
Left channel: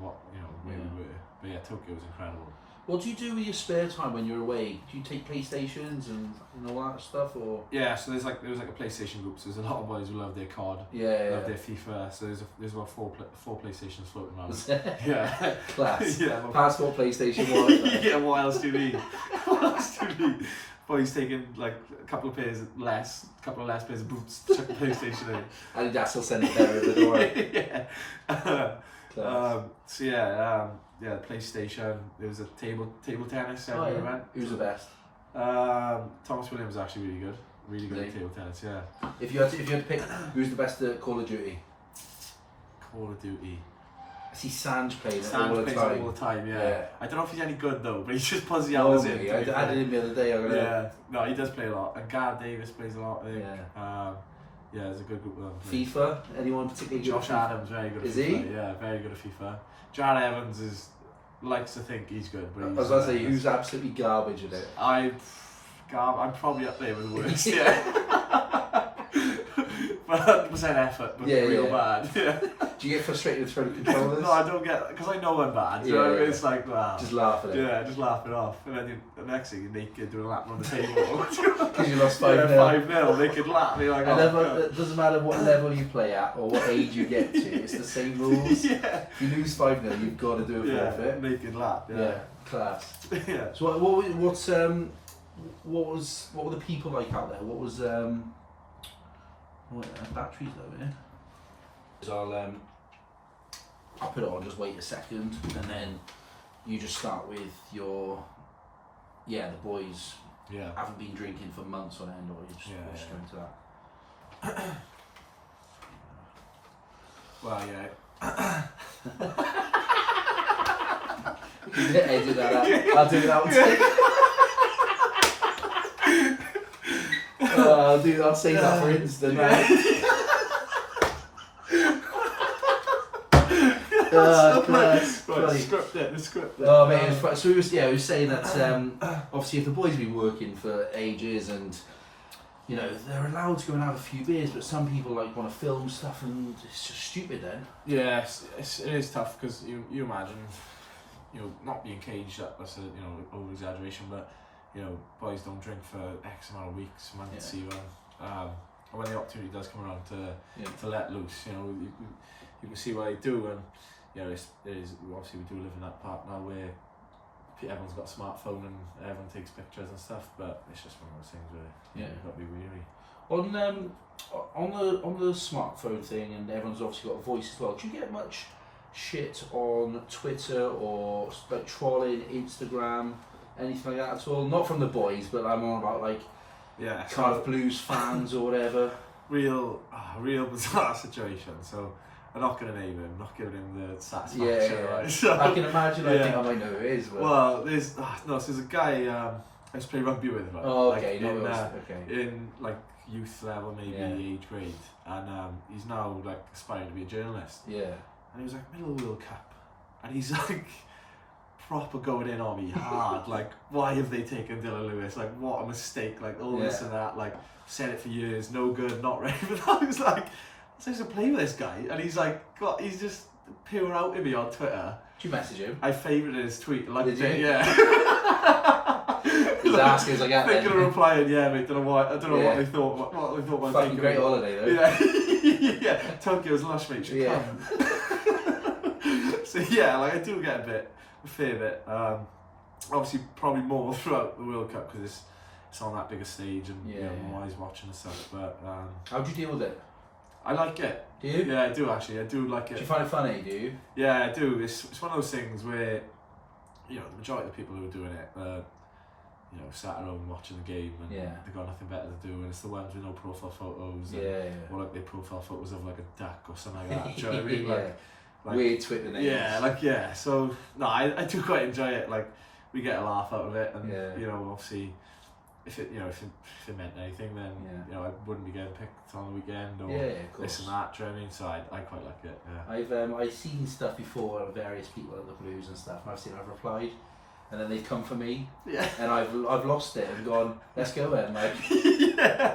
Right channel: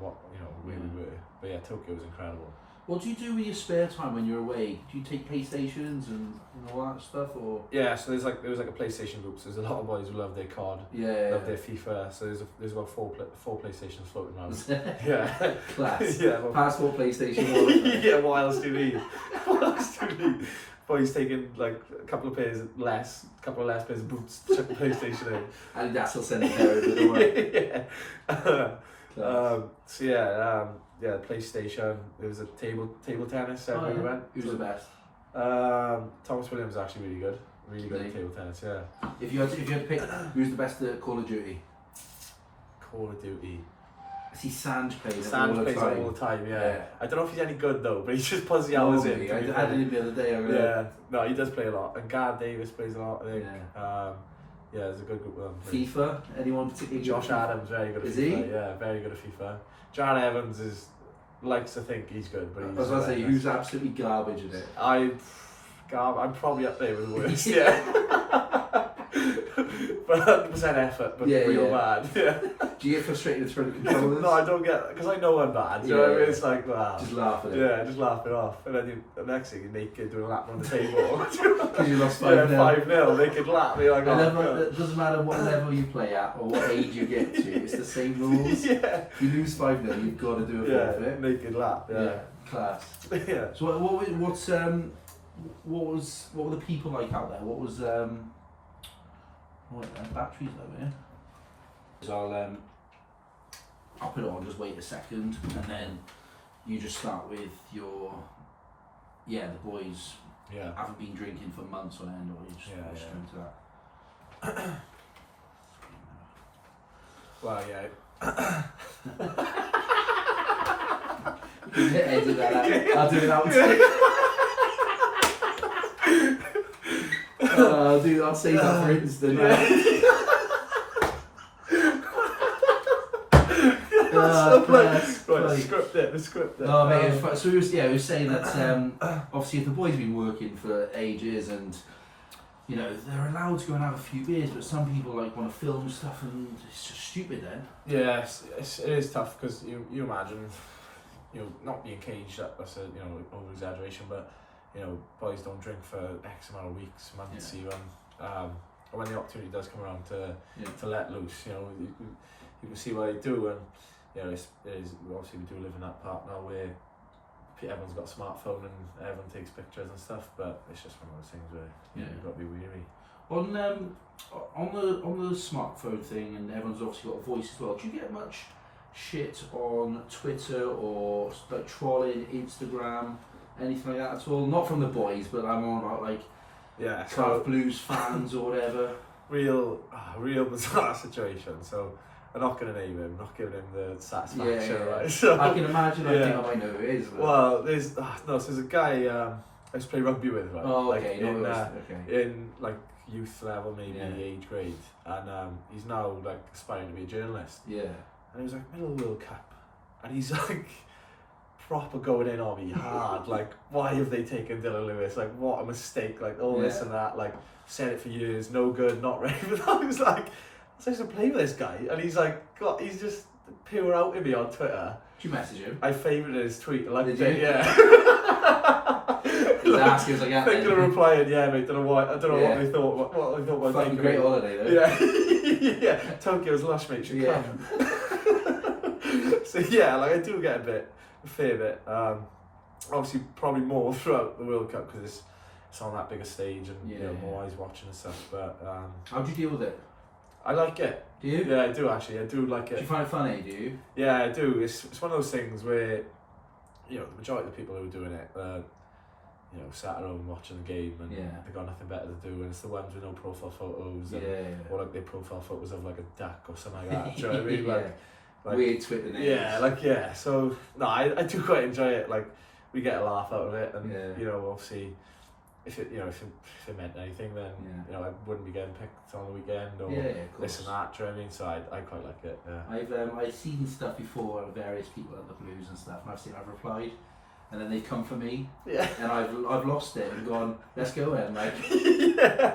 what, you know, where we were. But yeah, Tokyo was incredible. What do you do with your spare time when you're away? Do you take PlayStations and all that stuff, or? Yeah, so there was like a PlayStation group. So there's a lot of boys who love their COD, love their FIFA. So there's about four PlayStations floating around. Yeah, Class. Yeah, Passport, PlayStation, all that. Yeah, what else do you need? What else do you need? Boys taking like a couple of less pairs of boots, chuck the PlayStation in. And that's will send a pair over, don't worry. Yeah. The PlayStation. There was a table tennis everywhere we went. Who's the best? Thomas Williams was actually really good at table tennis. Yeah. If you had to pick, who's the best at Call of Duty? Call of Duty. I see Sanj playing it Sanj all the plays time. it all the time. Yeah. I don't know if he's any good though, but he just puts the hours in. I did him the other day. Yeah. No, he does play a lot. And Gareth Davis plays a lot. I think. Yeah, there's a good group of them. FIFA? Anyone particularly good? Josh Adams, very good at Is FIFA. he? Yeah, very good at FIFA. Jared Evans likes to think he's good, but he's... I was going to say, who's absolutely garbage at it? I'm probably up there with the worst, yeah. but 100% effort, but Yeah, real yeah. bad. Yeah. Do you get frustrated throwing controllers? No, I don't get, because I know I'm bad. You know what I mean? It's like, wow. Just laugh at it. Yeah, just laugh it off. And then the next thing you're naked doing a lap on the table. Because you lost 5-0. 5-0, naked lap. You're like, It doesn't matter what level you play at or what age you get to, it's the same rules. Yeah. If you lose 5-0, you've got to do it perfect. Naked lap. Yeah, class. Yeah. So what were the people like out there? What was batteries though, yeah? So I'll put it on, just wait a second, and then you just start with your the boys haven't been drinking for months on end, or you just go into that. Well, yeah. You can edit that out. I'll do that one too. I'll save that for instant. Right, script it. Oh mate, so we were saying that obviously if the boys have been working for ages and you know they're allowed to go and have a few beers, but some people like want to film stuff and it's just stupid then. Yeah, it is tough because you imagine, you know, not being caged, that's a over exaggeration, but you know, boys don't drink for X amount of weeks, months even. And when the opportunity does come around to let loose, you know, you can see what they do, and you know, it is obviously we do live in that part now where everyone's got a smartphone and everyone takes pictures and stuff, but it's just one of those things where you've got to be wary. On the smartphone thing, and everyone's obviously got a voice as well. Do you get much shit on Twitter or like trolling, Instagram, anything like that at all? Not from the boys, but I'm on about like Cardiff Blues fans or whatever. Real bizarre situation. So I'm not going to name him, not giving him the satisfaction. Right? So, I can imagine. I think I might know who it is. But... Well, there's a guy I used to play rugby with, right? Oh, like, okay. In like youth level, maybe age grade, and he's now like aspiring to be a journalist. Yeah. And he was like middle World Cup, and he's like proper going in on me hard. Like, why have they taken Dillon Lewis? Like, what a mistake! Like all this and that. Like, said it for years, no good, not ready. But I was like, I was supposed to play with this guy, and he's like, he's just pure out to me on Twitter. Did you message him? I favoured his tweet, like did you? Yeah. His ass is like, thinking of replying, yeah, mate. Don't know why. I don't know what they thought. What they thought about fucking great holiday though. Yeah, yeah. Tokyo's lush, mate. Should come. So yeah, like I do get a fair bit. Obviously, probably more throughout the World Cup because it's on that bigger stage and you know, more eyes watching and stuff. But how do you deal with it? I like it. Do you? Yeah, I do actually. I do like it. Do you find it funny? Do you? Yeah, I do. It's one of those things where you know the majority of the people who are doing it, you know, sat at home watching the game and they've got nothing better to do, and it's the ones with no profile photos or like their profile photos of like a duck or something like that. Do you know what I mean? Like weird Twitter names. So no, I do quite enjoy it. Like we get a laugh out of it, and you know, obviously, if it meant anything, then you know, I wouldn't be getting picked on the weekend or this and that. Do you know what I mean? So I quite like it. Yeah. I've seen stuff before of various people at the Blues and stuff, and I've replied. And then they've come for me, and I've lost it and gone, let's go then, like,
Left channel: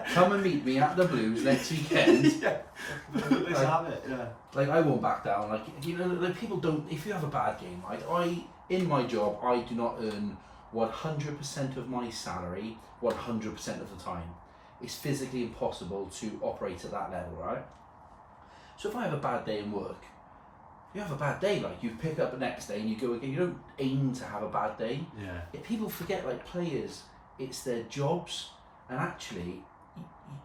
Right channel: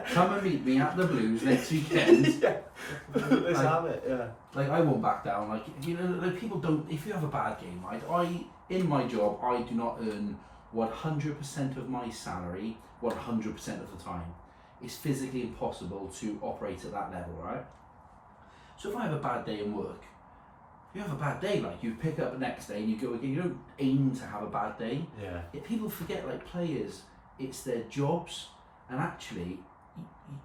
come and meet me at the Blues next weekend. Let's have it, Like, I won't back down, like, you know, like, people don't, if you have a bad game, right, in my job, I do not earn 100% of my salary 100% of the time. It's physically impossible to operate at that level, right? So if I have a bad day in work, you have a bad day, like you pick up the next day and you go again. You don't aim to have a bad day. Yet people forget, like players, it's their jobs, and actually,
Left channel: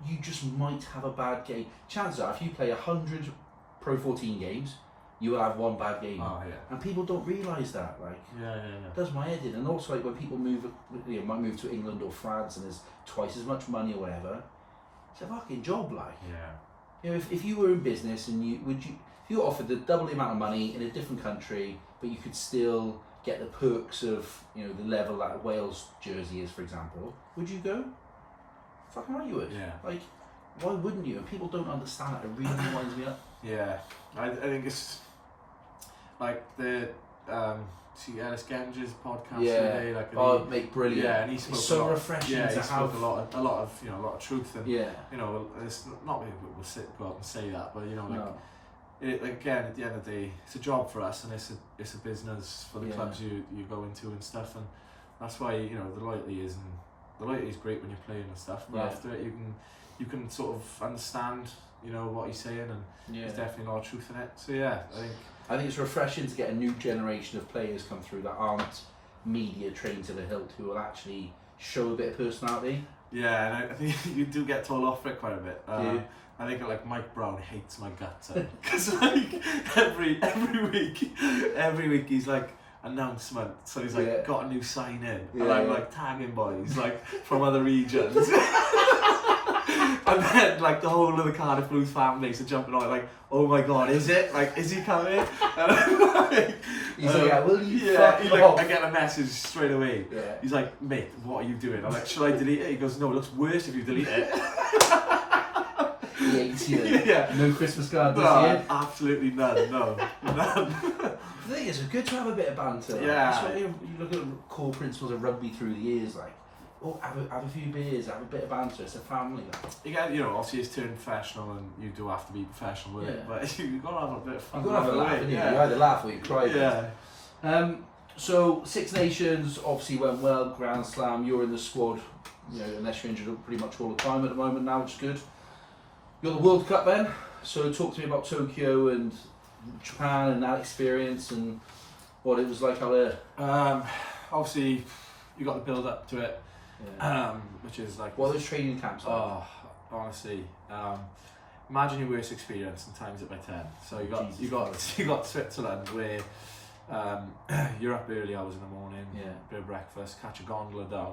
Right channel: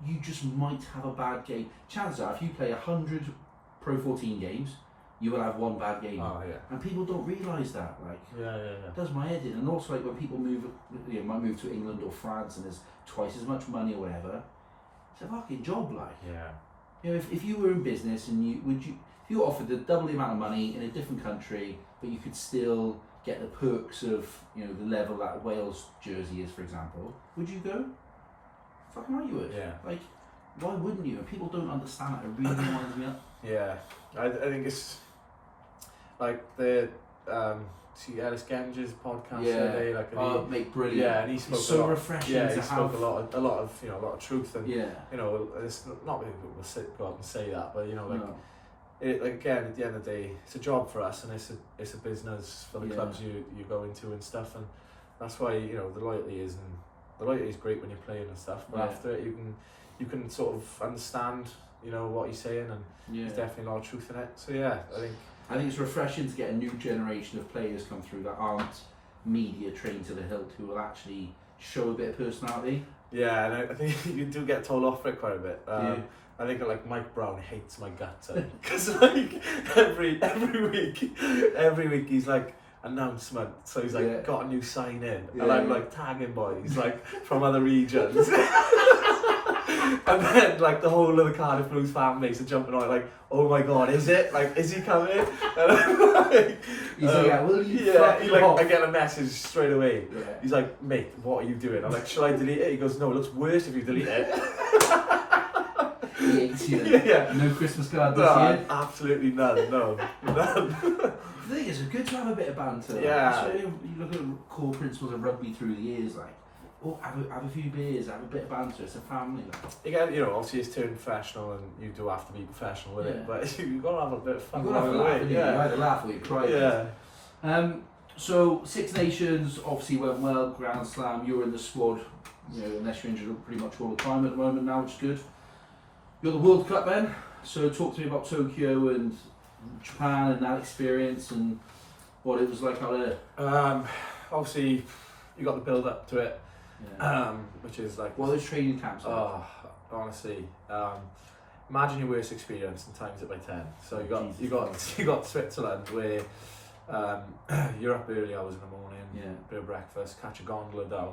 you just might have a bad game. Chances are, if you play 100 Pro 14 games, you will have one bad game. And people don't realise that. Like, it does my head in. And also, like when people move, might move to England or France, and there's twice as much money or whatever. It's a fucking job, like. You know, if you were in business and if you were offered the double the amount of money in a different country, but you could still get the perks of, you know, the level that Wales jersey is, for example, would you go? Fucking right you would. Like, why wouldn't you? And people don't understand that. It really winds me up. I think it's like the see Ellis Genge's podcast Yeah. the other day, like, and Mate, brilliant. yeah, and he spoke It's so a lot, refreshing yeah, to he have spoke a lot of you know, a lot of truth, and yeah. you know, it's not many people will go out and say that, but you know, like, No. like again, at the end of the day, it's a job for us, and it's a business for the Yeah. clubs you go into and stuff, and that's why, you know, the loyalty is great when you're playing and stuff, but Yeah. after it, you can sort of understand, you know, what he's saying, and there's definitely a lot of truth in it. So yeah, I think it's refreshing to get a new generation of players come through that aren't media trained to the hilt, who will actually show a bit of personality. yeah, and I think you do get told off for it quite a bit. I think like Mike Brown hates my guts because like every week he's like, announcement, so he's like got a new sign in, and I'm like tagging boys like from other regions. And then like the whole of the Cardiff Blues fan base are jumping on like, oh my god, is it? Like, is he coming? And I'm like, he's like, yeah, will you fuck he, like, off? I get a message straight away. Yeah. He's like, mate, what are you doing? I'm like, shall I delete it? He goes, no, it looks worse if you delete it. He hates you. Yeah. No Christmas card this year? Absolutely none, no. None. The thing is, it's good to have a bit of banter. Yeah. That's why you look at the core principles of rugby through the years, like, oh, have a few beers, have a bit of banter, it's a family, like. Again, you know, obviously it's turned professional and you do have to be professional with it, but you've got to have a bit of fun. You've got to have a laugh, haven't you? You either laugh or you cry. Yeah. So, Six Nations obviously went well, Grand Slam, you're in the squad, you know, unless you're injured pretty much all the time at the moment now, which is good. You're the World Cup then, so talk to me about Tokyo and Japan and that experience and what it was like out there. Obviously, you got the build up to it, which is like, what are those training camps like? Oh, honestly, imagine your worst experience and times it by 10. So you got Switzerland where you're up early hours in the morning, bit of breakfast, catch a gondola down.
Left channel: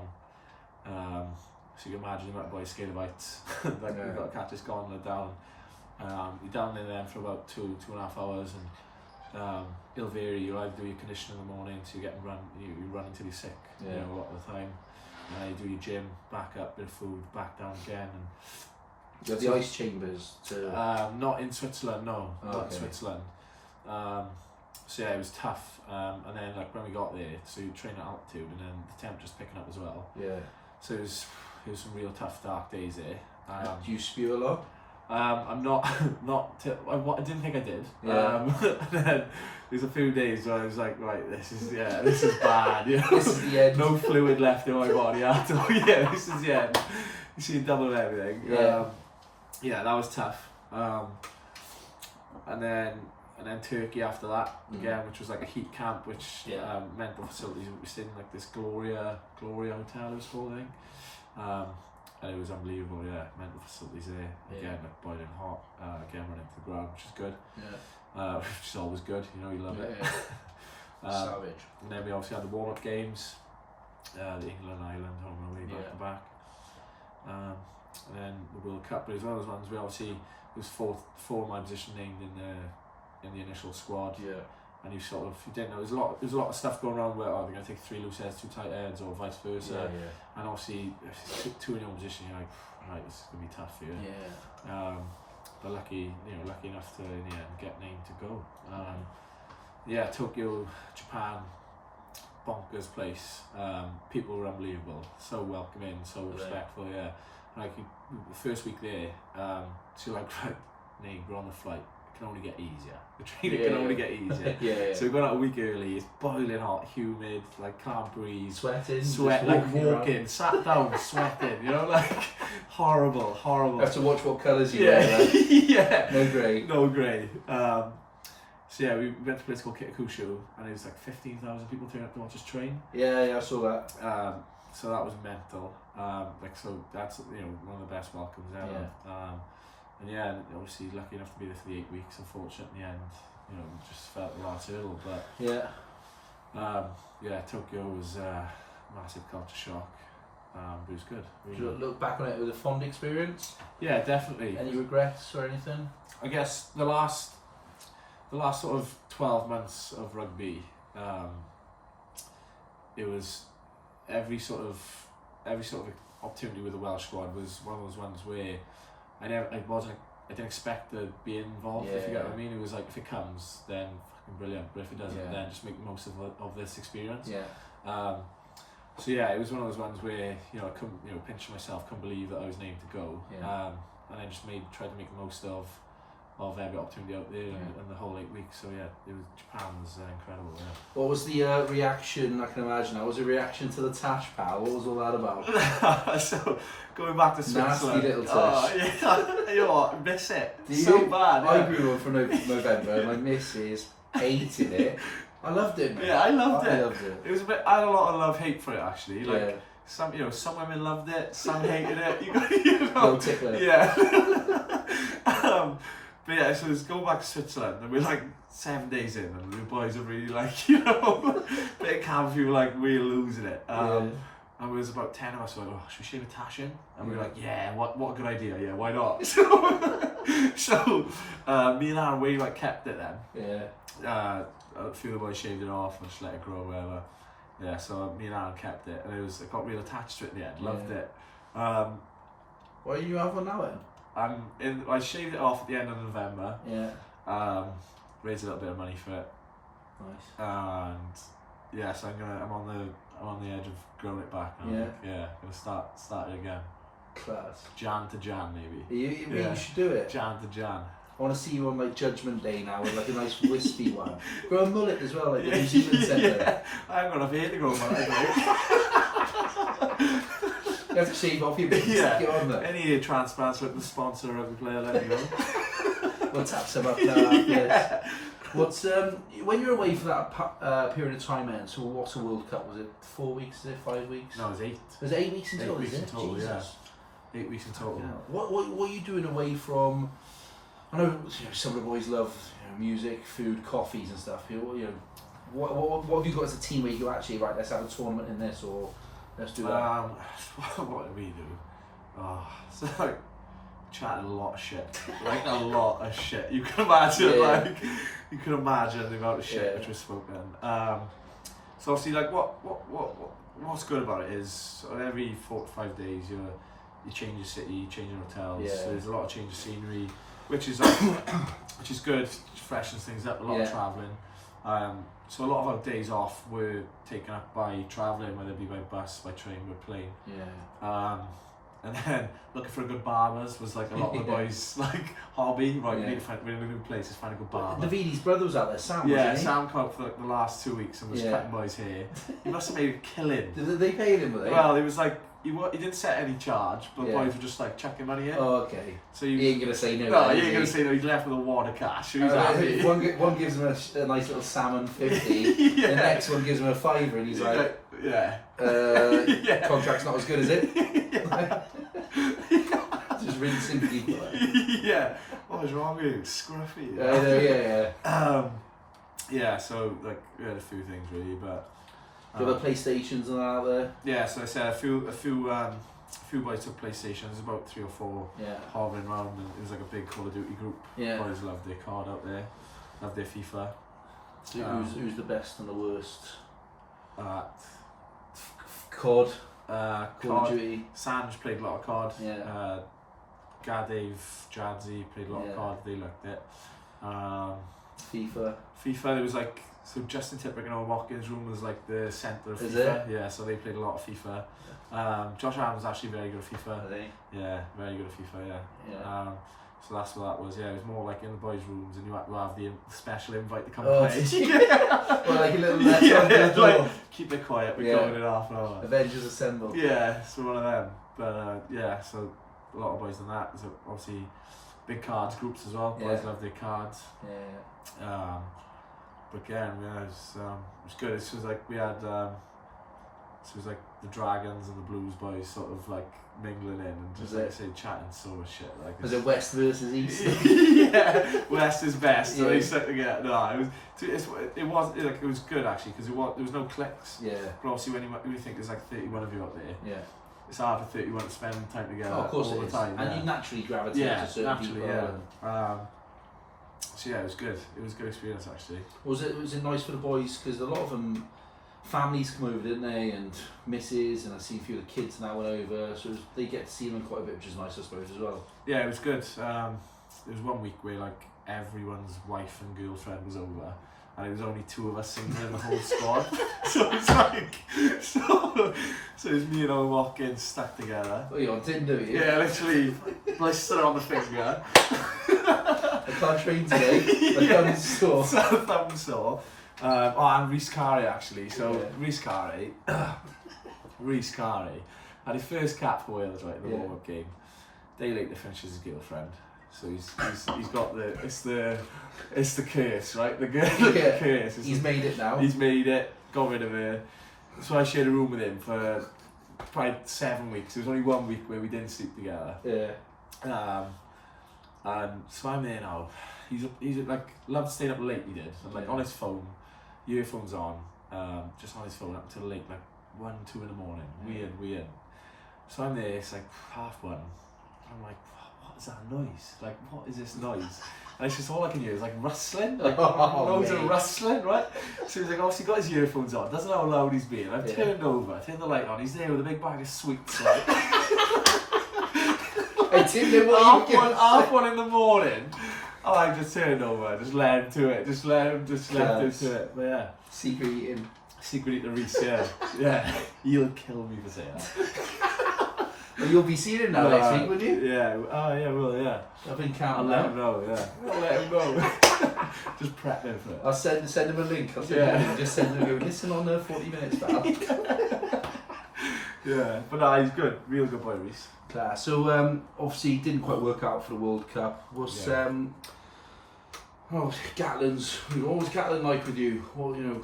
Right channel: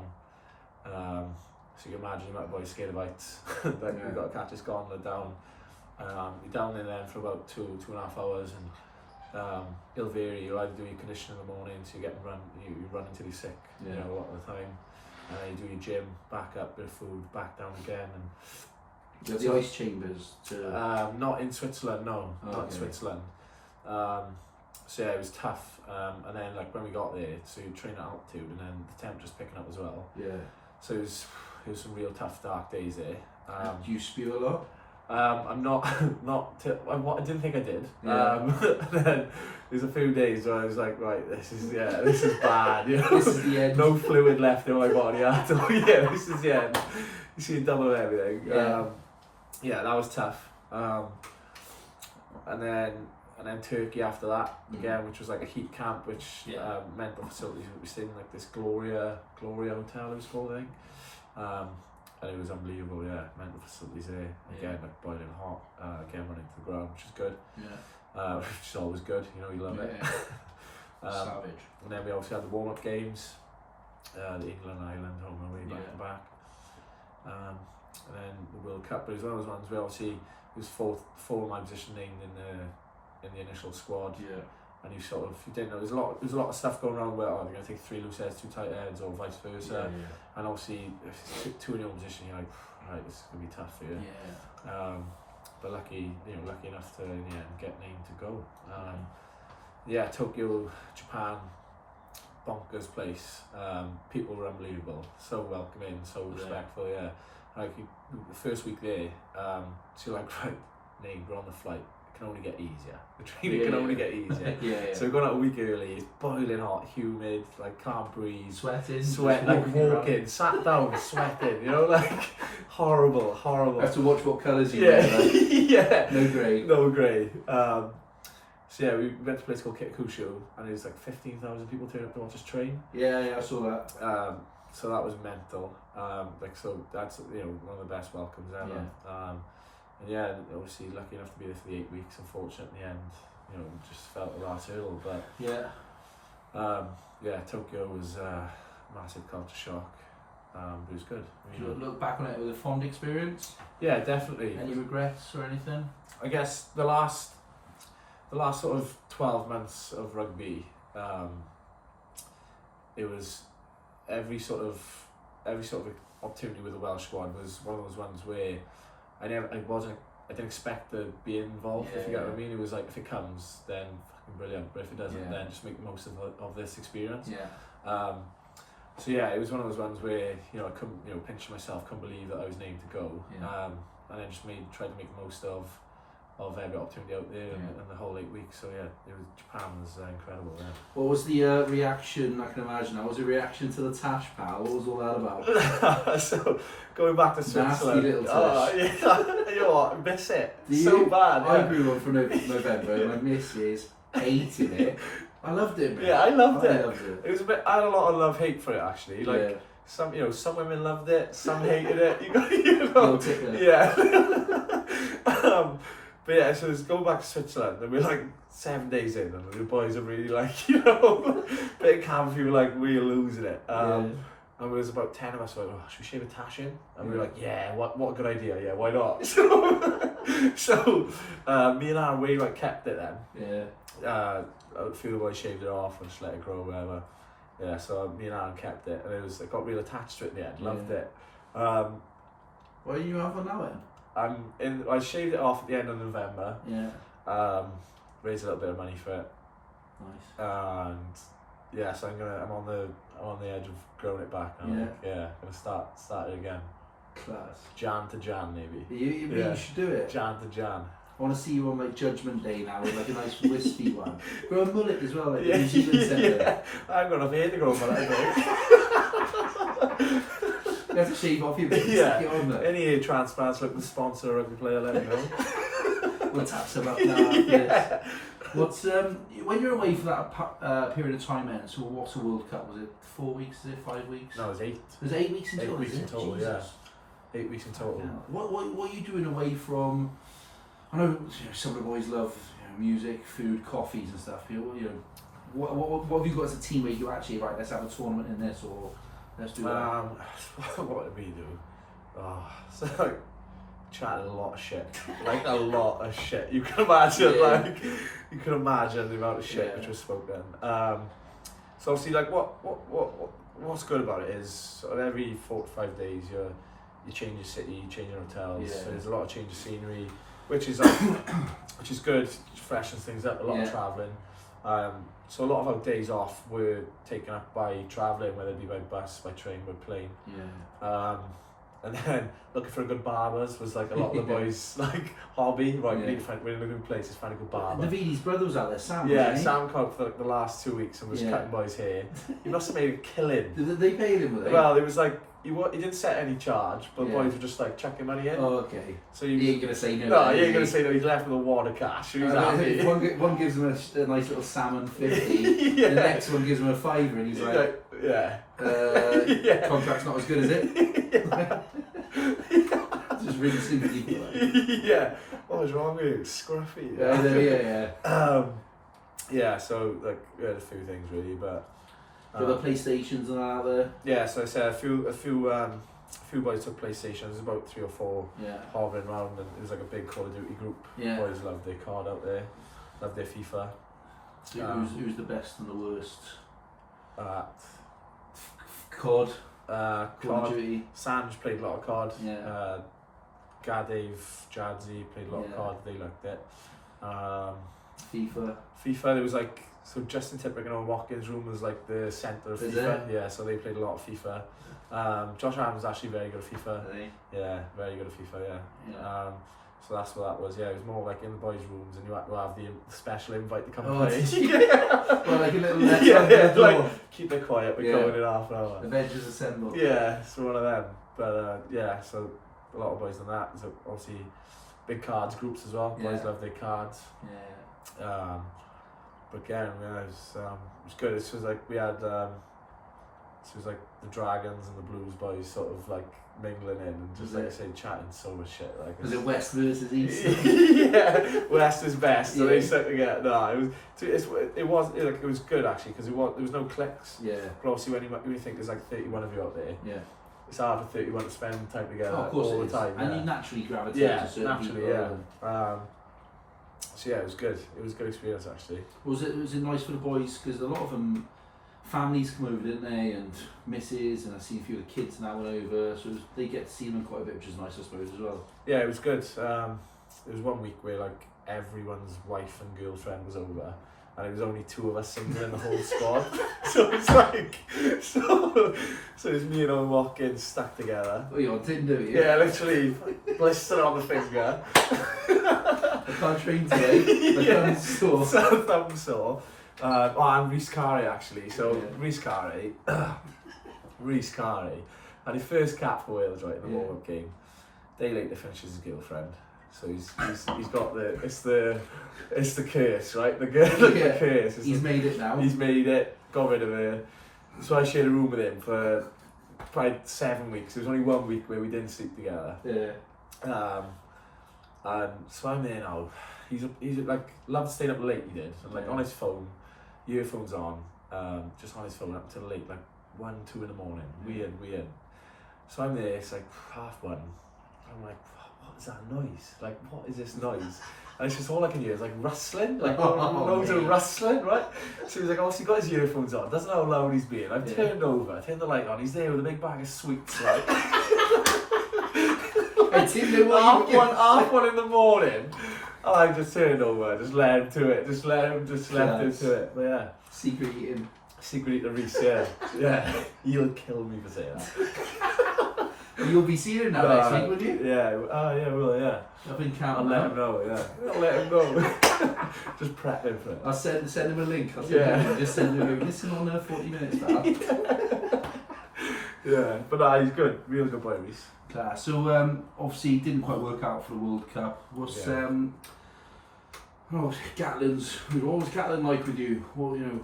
So you can imagine the amount of boys scared of heights. Like you've got to catch this gondola down. You're down in there for about 2.5 hours, and it'll vary. You either do your conditioning in the morning, so you run until you're sick, you know, a lot of the time. And then you do your gym, back up, bit of food, back down again. And you have the ice chambers to... not in Switzerland, no, not in Okay. Switzerland. So yeah, it was tough. And then like when we got there, so you train at altitude, and then the temperature's picking up as well. Yeah. So it was some real tough, dark days there. Do you spew a lot? I'm not, I didn't think I did. Yeah. And then there's a few days where I was like, right, this is bad. You know? This is the end. No fluid left in my body at all. Yeah, this is the end. You see a double of everything. Yeah. That was tough. And then Turkey after that again, which was like a heat camp, which mental facilities. We stayed in like this Gloria hotel, it was called, I think. And it was unbelievable, mental facilities there, again, like boiling hot, again running to the ground, which is good, which is always good, you know, you love it. Savage. And then we obviously had the warm-up games, the England, Ireland, home and away, back to back. And then the World Cup, but it was one of those ones where obviously there was four of my position named in the initial squad. And you didn't know, there's a lot of stuff going on where they're going to take 3 loose heads, 2 tight heads, or vice versa. And obviously, if it's 2 in your position, you're like, right, this is going to be tough for you. But lucky enough to, in the end, get named to go. Tokyo, Japan, bonkers place. People were unbelievable, so welcoming, so respectful, Like, the first week there, so you're like, right, name, we're on the flight. Can only get easier. The training can only get easier. So we got out a week early. It's boiling hot, humid, like can't breathe. Sweat, like walking, sat down, sweating. You know, like horrible. You have to watch what colours you wear. Like. No grey. So we went to a place called Kitakushu, and it was like 15,000 people turning up to watch us train. I saw that. So that was mental. So that's one of the best welcomes ever. And obviously lucky enough to be there for the 8 weeks. Unfortunately, in the end, just felt the last hurdle. But Tokyo was a massive culture shock. But it was good. Do you look back on it with a fond experience? Yeah, definitely. Any regrets or anything? I guess the last sort of 12 months of rugby, it was every sort of opportunity with the Welsh squad was one of those ones where I didn't expect to be involved, if you get what I mean. It was like, if it comes, then brilliant. But if it doesn't, then just make the most of this experience. Yeah. So yeah, it was one of those ones where I couldn't, pinch myself, couldn't believe that I was named to go. Yeah. And I just tried to make the most of every opportunity out there and the whole 8 weeks. So yeah, Japan was incredible. Yeah. What was the reaction? I can imagine. What was the reaction to the tash, pal? What was all that about? So going back to Switzerland. Nasty little tash. You know what? Miss it. Do so you? bad. I grew up for November, and my missus hated it. I loved it, man. Yeah, I loved it. I loved it. It was I had a lot of love-hate for it actually. Like some women loved it, some hated it. Little tickler. Yeah. But yeah, so let's go back to Switzerland, and we're like 7 days in, and the boys are really like, bit of camp, we were like, we're losing it. And there was about 10 of us like, should we shave a tash in? And we were like, yeah, what a good idea, yeah, why not? So me and Aaron, we like kept it then. Yeah. A few of the boys shaved it off and just let it grow, whatever. Yeah, so me and Aaron kept it, and I got real attached to it in the end, loved it. What do you have on now then? I shaved it off at the end of November. Yeah. Raised a little bit of money for it. Nice. And yeah, so I'm on the edge of growing it back now. Yeah. Gonna start it again. Class. Jan to Jan maybe. You should do it. Jan to Jan. I want to see you on like Judgment Day now with like a nice wispy one. Grow a mullet as well, like the New Zealand Centre. I'm gonna have to grow a mullet. You have to shave off your bits, get on there. Any hair transplants looking to sponsor a rugby player, let me know. We'll tap some up now after this. What's when you're away for that period of time then, so what's a World Cup? Was it 4 weeks, is it 5 weeks? No, it was 8. Was it 8 weeks in total? 8 weeks in total, Jesus. yeah. 8 weeks in total. What are you doing away from? I know some of the boys love music, food, coffees and stuff. What have you got as a team where you go, actually, right, let's have a tournament in this, or let's do that? What do we do? So like chatting a lot of shit, like a lot of shit. You can imagine, you can imagine the amount of shit which was spoken. So obviously, like what's good about it is every 4 to 5 days you change your city, you change your hotels. So there's a lot of change of scenery, which is good, freshens things up. A lot of travelling. So a lot of our days off were taken up by travelling, whether it be by bus, by train, by plane. And then looking for a good barbers was like a lot of the boys' like hobby. Right, we're in a new place, let's find a good barber. Davidi's brother was out there, Sam. Sam came up for like the last 2 weeks and was cutting boys' hair. He must have made a killing. Did they pay him with it? Well, it was like he didn't set any charge, but the boys were just like chucking money in. Oh, okay. So he ain't gonna say no. No, he ain't gonna say no. He's left with a wad of cash. He was happy. One gives him a nice little salmon 50. The next one gives him a £5, and he's like, contract's not as good as it. Just rinsing people. What was wrong with you? Scruffy. So like we had a few things really, but. Got the PlayStations and all there. Yeah, so I said a few boys took PlayStations. There's about 3 or 4 hovering around, and it was like a big Call of Duty group. Boys loved their card out there, loved their FIFA. So who's the best and the worst? Call of Duty. Sanj played a lot of card. Gadev, Jadzi played a lot of card. They liked it. FIFA. There was like. So Justin Tipuric and Owen Watkins' room was like the centre of FIFA. Yeah, so they played a lot of FIFA. Josh Allen was actually very good at FIFA. Yeah, very good at FIFA, so that's what that was. Yeah, it was more like in the boys' rooms, and you had to have the special invite to come play. Well, like a little like, keep it quiet, we're going in half an hour. Avengers Assemble. Yeah, so one of them. But so a lot of boys done that. So obviously big cards groups as well. Boys love their cards. But again, it was good. It was like we had, it was like the Dragons and the Blues boys sort of like mingling in and just like I say, chatting so much shit. Like, was it West versus East? West is best. So they said together. No, it was good actually because there was no clicks. But obviously when you think there's like 31 of you out there. It's hard for 31 to spend time together all the time. And you naturally gravitate to certain people. So it was good. It was a good experience actually. Was it nice for the boys because a lot of them families come over, didn't they? And misses, and I see a few of the kids now went over, so they get to see them quite a bit, which is nice, I suppose, as well. Yeah, it was good. There was 1 week where like everyone's wife and girlfriend was over, and it was only 2 of us singing in the whole squad. So it's like, so it's me and old Watkins stuck together. Oh, you're on Tinder, you? Yeah, literally, blister on the finger. I can't train today. My thumb's sore. Thumb sore. And Rhys Carey actually. So Rhys Carey had his first cap for Wales, right, in the warm-up game. Day later finishes his girlfriend. So he's got it's the curse, right? The curse. He's made it now. He's made it. Got rid of her. So I shared a room with him for probably 7 weeks. There was only 1 week where we didn't sleep together. Yeah. And so I'm there now. He's like loved staying up late. He did. And like on his phone, earphones on, just on his phone up till late, like 1, 2 in the morning. Weird. So I'm there. It's like 1:30. I'm like, what is that noise? Like, what is this noise? And it's just all I can hear is like rustling, like loads of rustling, right? So he's like, obviously got his earphones on, doesn't know how loud he's being. I've turned the light on, he's there with a big bag of sweets, right? I didn't know what you were half one in the morning, and I just turned over, just let him to it, just left him to it. But yeah. Secret eating Reese, yeah. He'll kill me for saying that. Well, you'll be seeing him now next week, will you? Yeah, yeah, will, yeah. I've been counting. I'll let him know, yeah. I'll let him know. Just prep him for it. I'll send him a link. Just send him a go, listen on there 40 minutes now. Yeah, but no, he's good. Real good boy, Reese. Class. So, obviously, it didn't quite work out for the World Cup. Gatland's, what was Gatland like with you? Or, you know,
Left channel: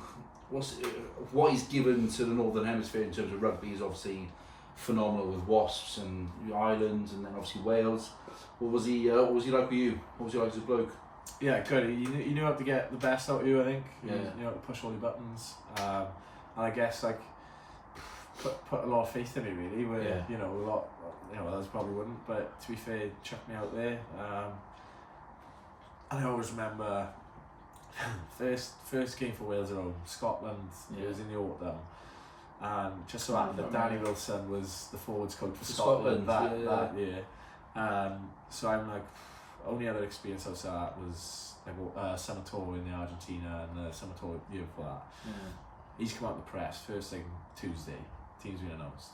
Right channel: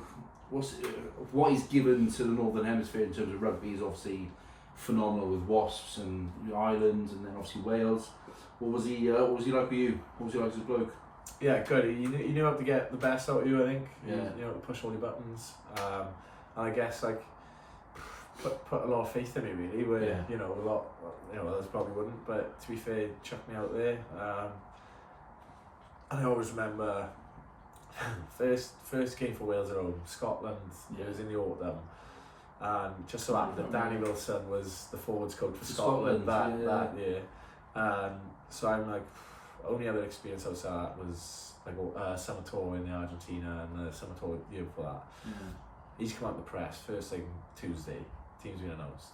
what is given to the Northern Hemisphere in terms of rugby is obviously phenomenal with Wasps and Ireland and then obviously Wales. What was he like with you? What was he like as a bloke? Yeah, good. He knew how to get the best out of you, I think. Yeah. You know, to push all your buttons. And I guess like put a lot of faith in me really. Where you know, a lot, you know, others probably wouldn't. But to be fair, chucked me out there. And I always remember first game for Wales at home, Scotland. It was in the autumn. And just so happened that Danny Wilson was the forwards coach for Scotland that year. So I'm like, only other experience outside that was like summer tour in the Argentina and the summer tour year before that. He's come out in the press first thing Tuesday, team's been announced.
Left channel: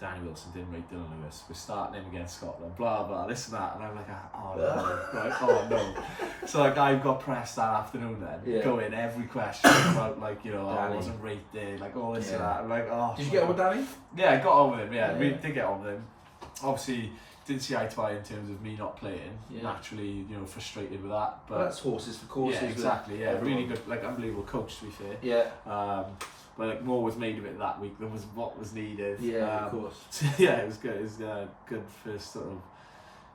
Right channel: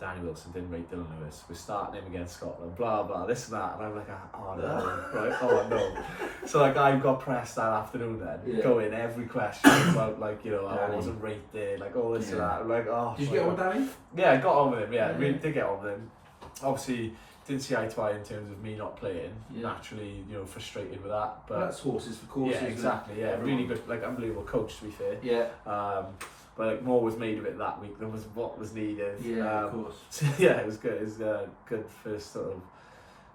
Danny Wilson didn't rate Dillon Lewis. We're starting him against Scotland. Blah blah, this and that, and I'm like, oh no, right? Oh no. So like I got pressed that afternoon then, going every question about like, you know, I wasn't rated, like all this and that. I'm like, oh. Did you get on with Danny? Yeah, I got on with him. Yeah, we did get on with him. Obviously, didn't see eye to eye in terms of me not playing. Naturally, you know, frustrated with that. But that's horses for courses. Yeah, exactly. Yeah, everyone. Really good, like unbelievable coach to be fair. Yeah. But like more was made of it that week than was what was needed. Yeah, of course. So yeah, it was good. It was good first sort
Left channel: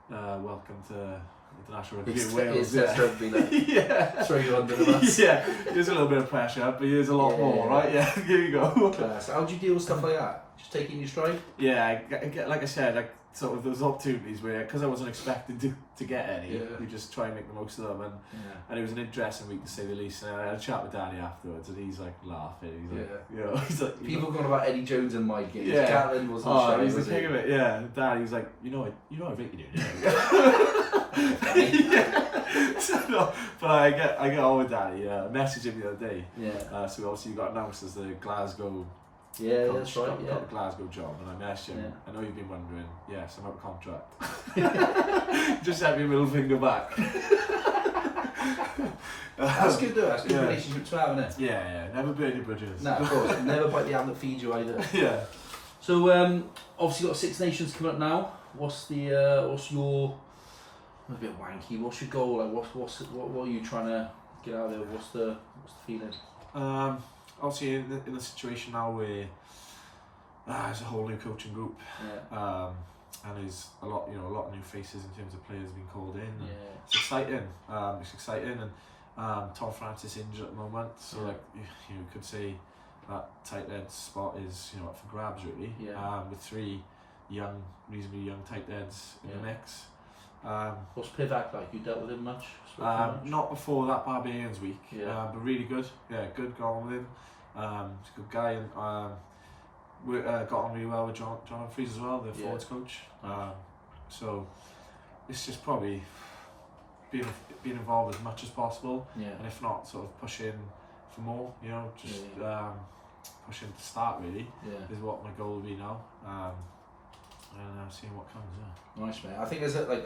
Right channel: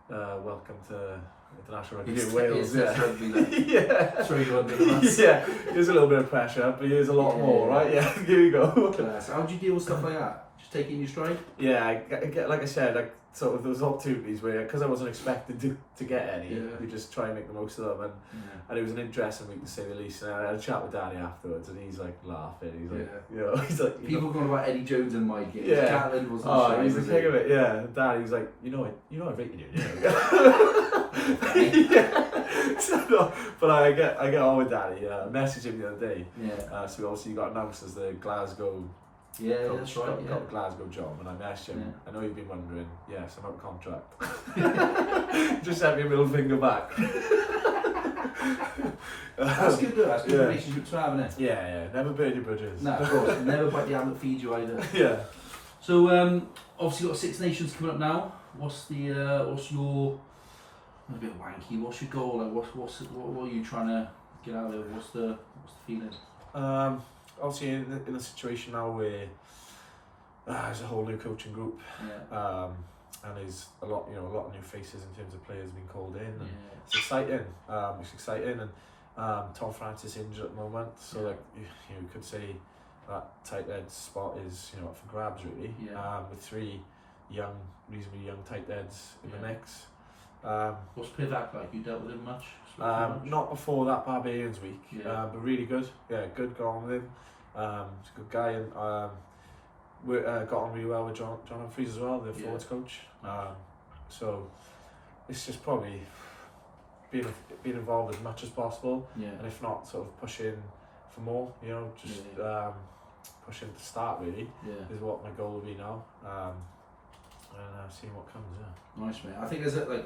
of welcome to international rugby in Wales. Throw you under the bus. Yeah, there's a little bit of pressure, but there's a lot more, right? Yeah, here you go. Class. How do you deal with stuff like that? Just take it in your stride? Yeah, I get, like I said, like sort of those opportunities where, because I wasn't expecting to get any, you just try and make the most of them, and it was an interesting week to say the least. And I had a chat with Danny afterwards, and he's like laughing. He's like, you know, he's like, people going about Eddie Jones and Mike. Gatland wasn't shy, he's the king of it. Yeah, Danny was like, you know I rated you. So, no, but I get on with Danny. I messaged him the other day. So obviously you got announced as the Glasgow. Yeah, that's right. Got the Glasgow job, and I messaged him. I know you've been wondering. Yes, I'm out of contract. Just sent me a middle finger back. That's good though. That's good relationship to have, isn't it? Yeah. Never burn your bridges. No, of course. Never bite the hand that feeds you either. Yeah. So obviously got Six Nations coming up now. What's your a bit wanky? What's your goal? Like what are you trying to get out of there? What's the feeling? Obviously in the situation now where there's a whole new coaching group, and there's a lot of new faces in terms of players being called in. And it's exciting. And Tom Francis injured at the moment, so like you could say that tight end spot is up for grabs really. With 3 reasonably young tight ends in the mix. What's Pivac like? You dealt with him much? Not before that Barbarians week, but really good. Yeah, good. Got on with him. He's a good guy, and got on really well with John Humphries as well, the forwards coach. So it's just probably being being involved as much as possible, Yeah. and if not, sort of pushing for more. You know, just pushing to start really is what my goal will be now. And seeing what comes. Yeah. Nice, mate. I think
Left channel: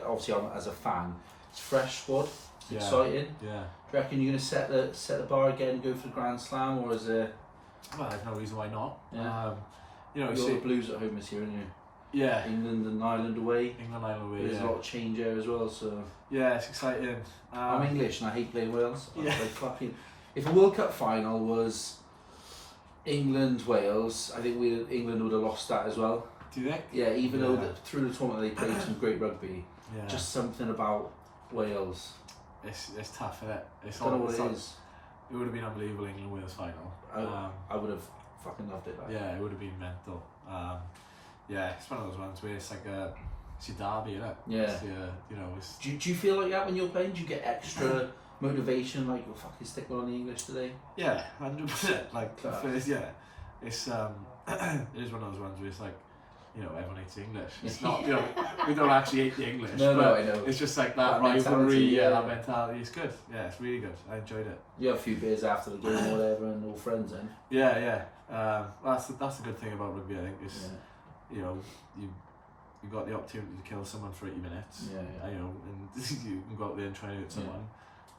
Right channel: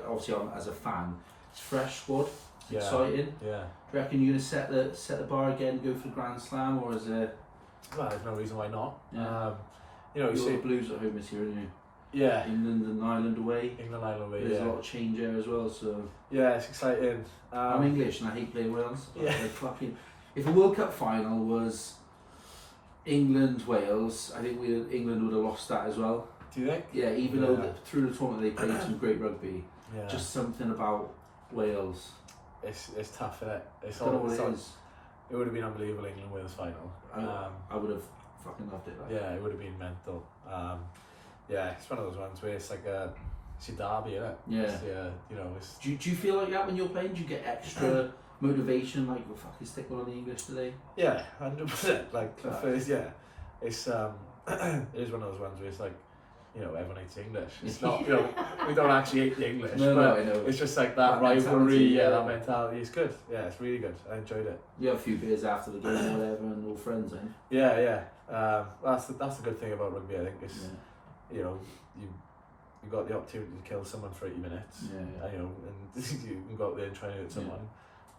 obviously as a fan, it's a fresh squad. It's exciting. Yeah. Do you reckon you're going to set the bar again, go for the Grand Slam, or is it? Well, there's no reason why not. Yeah. You know, you see the Blues at home this year, aren't you? Yeah. England and Ireland away. Ireland away. There's a lot of change there as well, so. Yeah, it's exciting. I'm English and I hate playing Wales. Yeah. If a World Cup final was England Wales, I think England would have lost that as well. Do you think? Yeah, even though through the tournament they played some great rugby, just something about Wales. It's tough, isn't it? It's I don't know all. what it is. It would have been unbelievable, England Wales final. I would have fucking loved it. Yeah, it would have been mental. Yeah, it's one of those ones where it's like it's your derby, isn't it? Yeah. It's, you know, it's. Do you feel like that when you're playing? Do you get extra motivation, like you're fucking sticking on the English today? Yeah, 100%. Like the first, it's it is one of those ones where it's like, you know, everyone hates English. It's not, you know, we don't actually hate the English. No, I know. It's just like that rivalry, that mentality. It's good. Yeah, it's really good. I enjoyed it. You have a few beers after the game or whatever, and all friends then. Yeah. That's the good thing about rugby. I think is, you know, you got the opportunity to kill someone for 80 minutes. Yeah. You know, and you can go out there and try and hurt someone.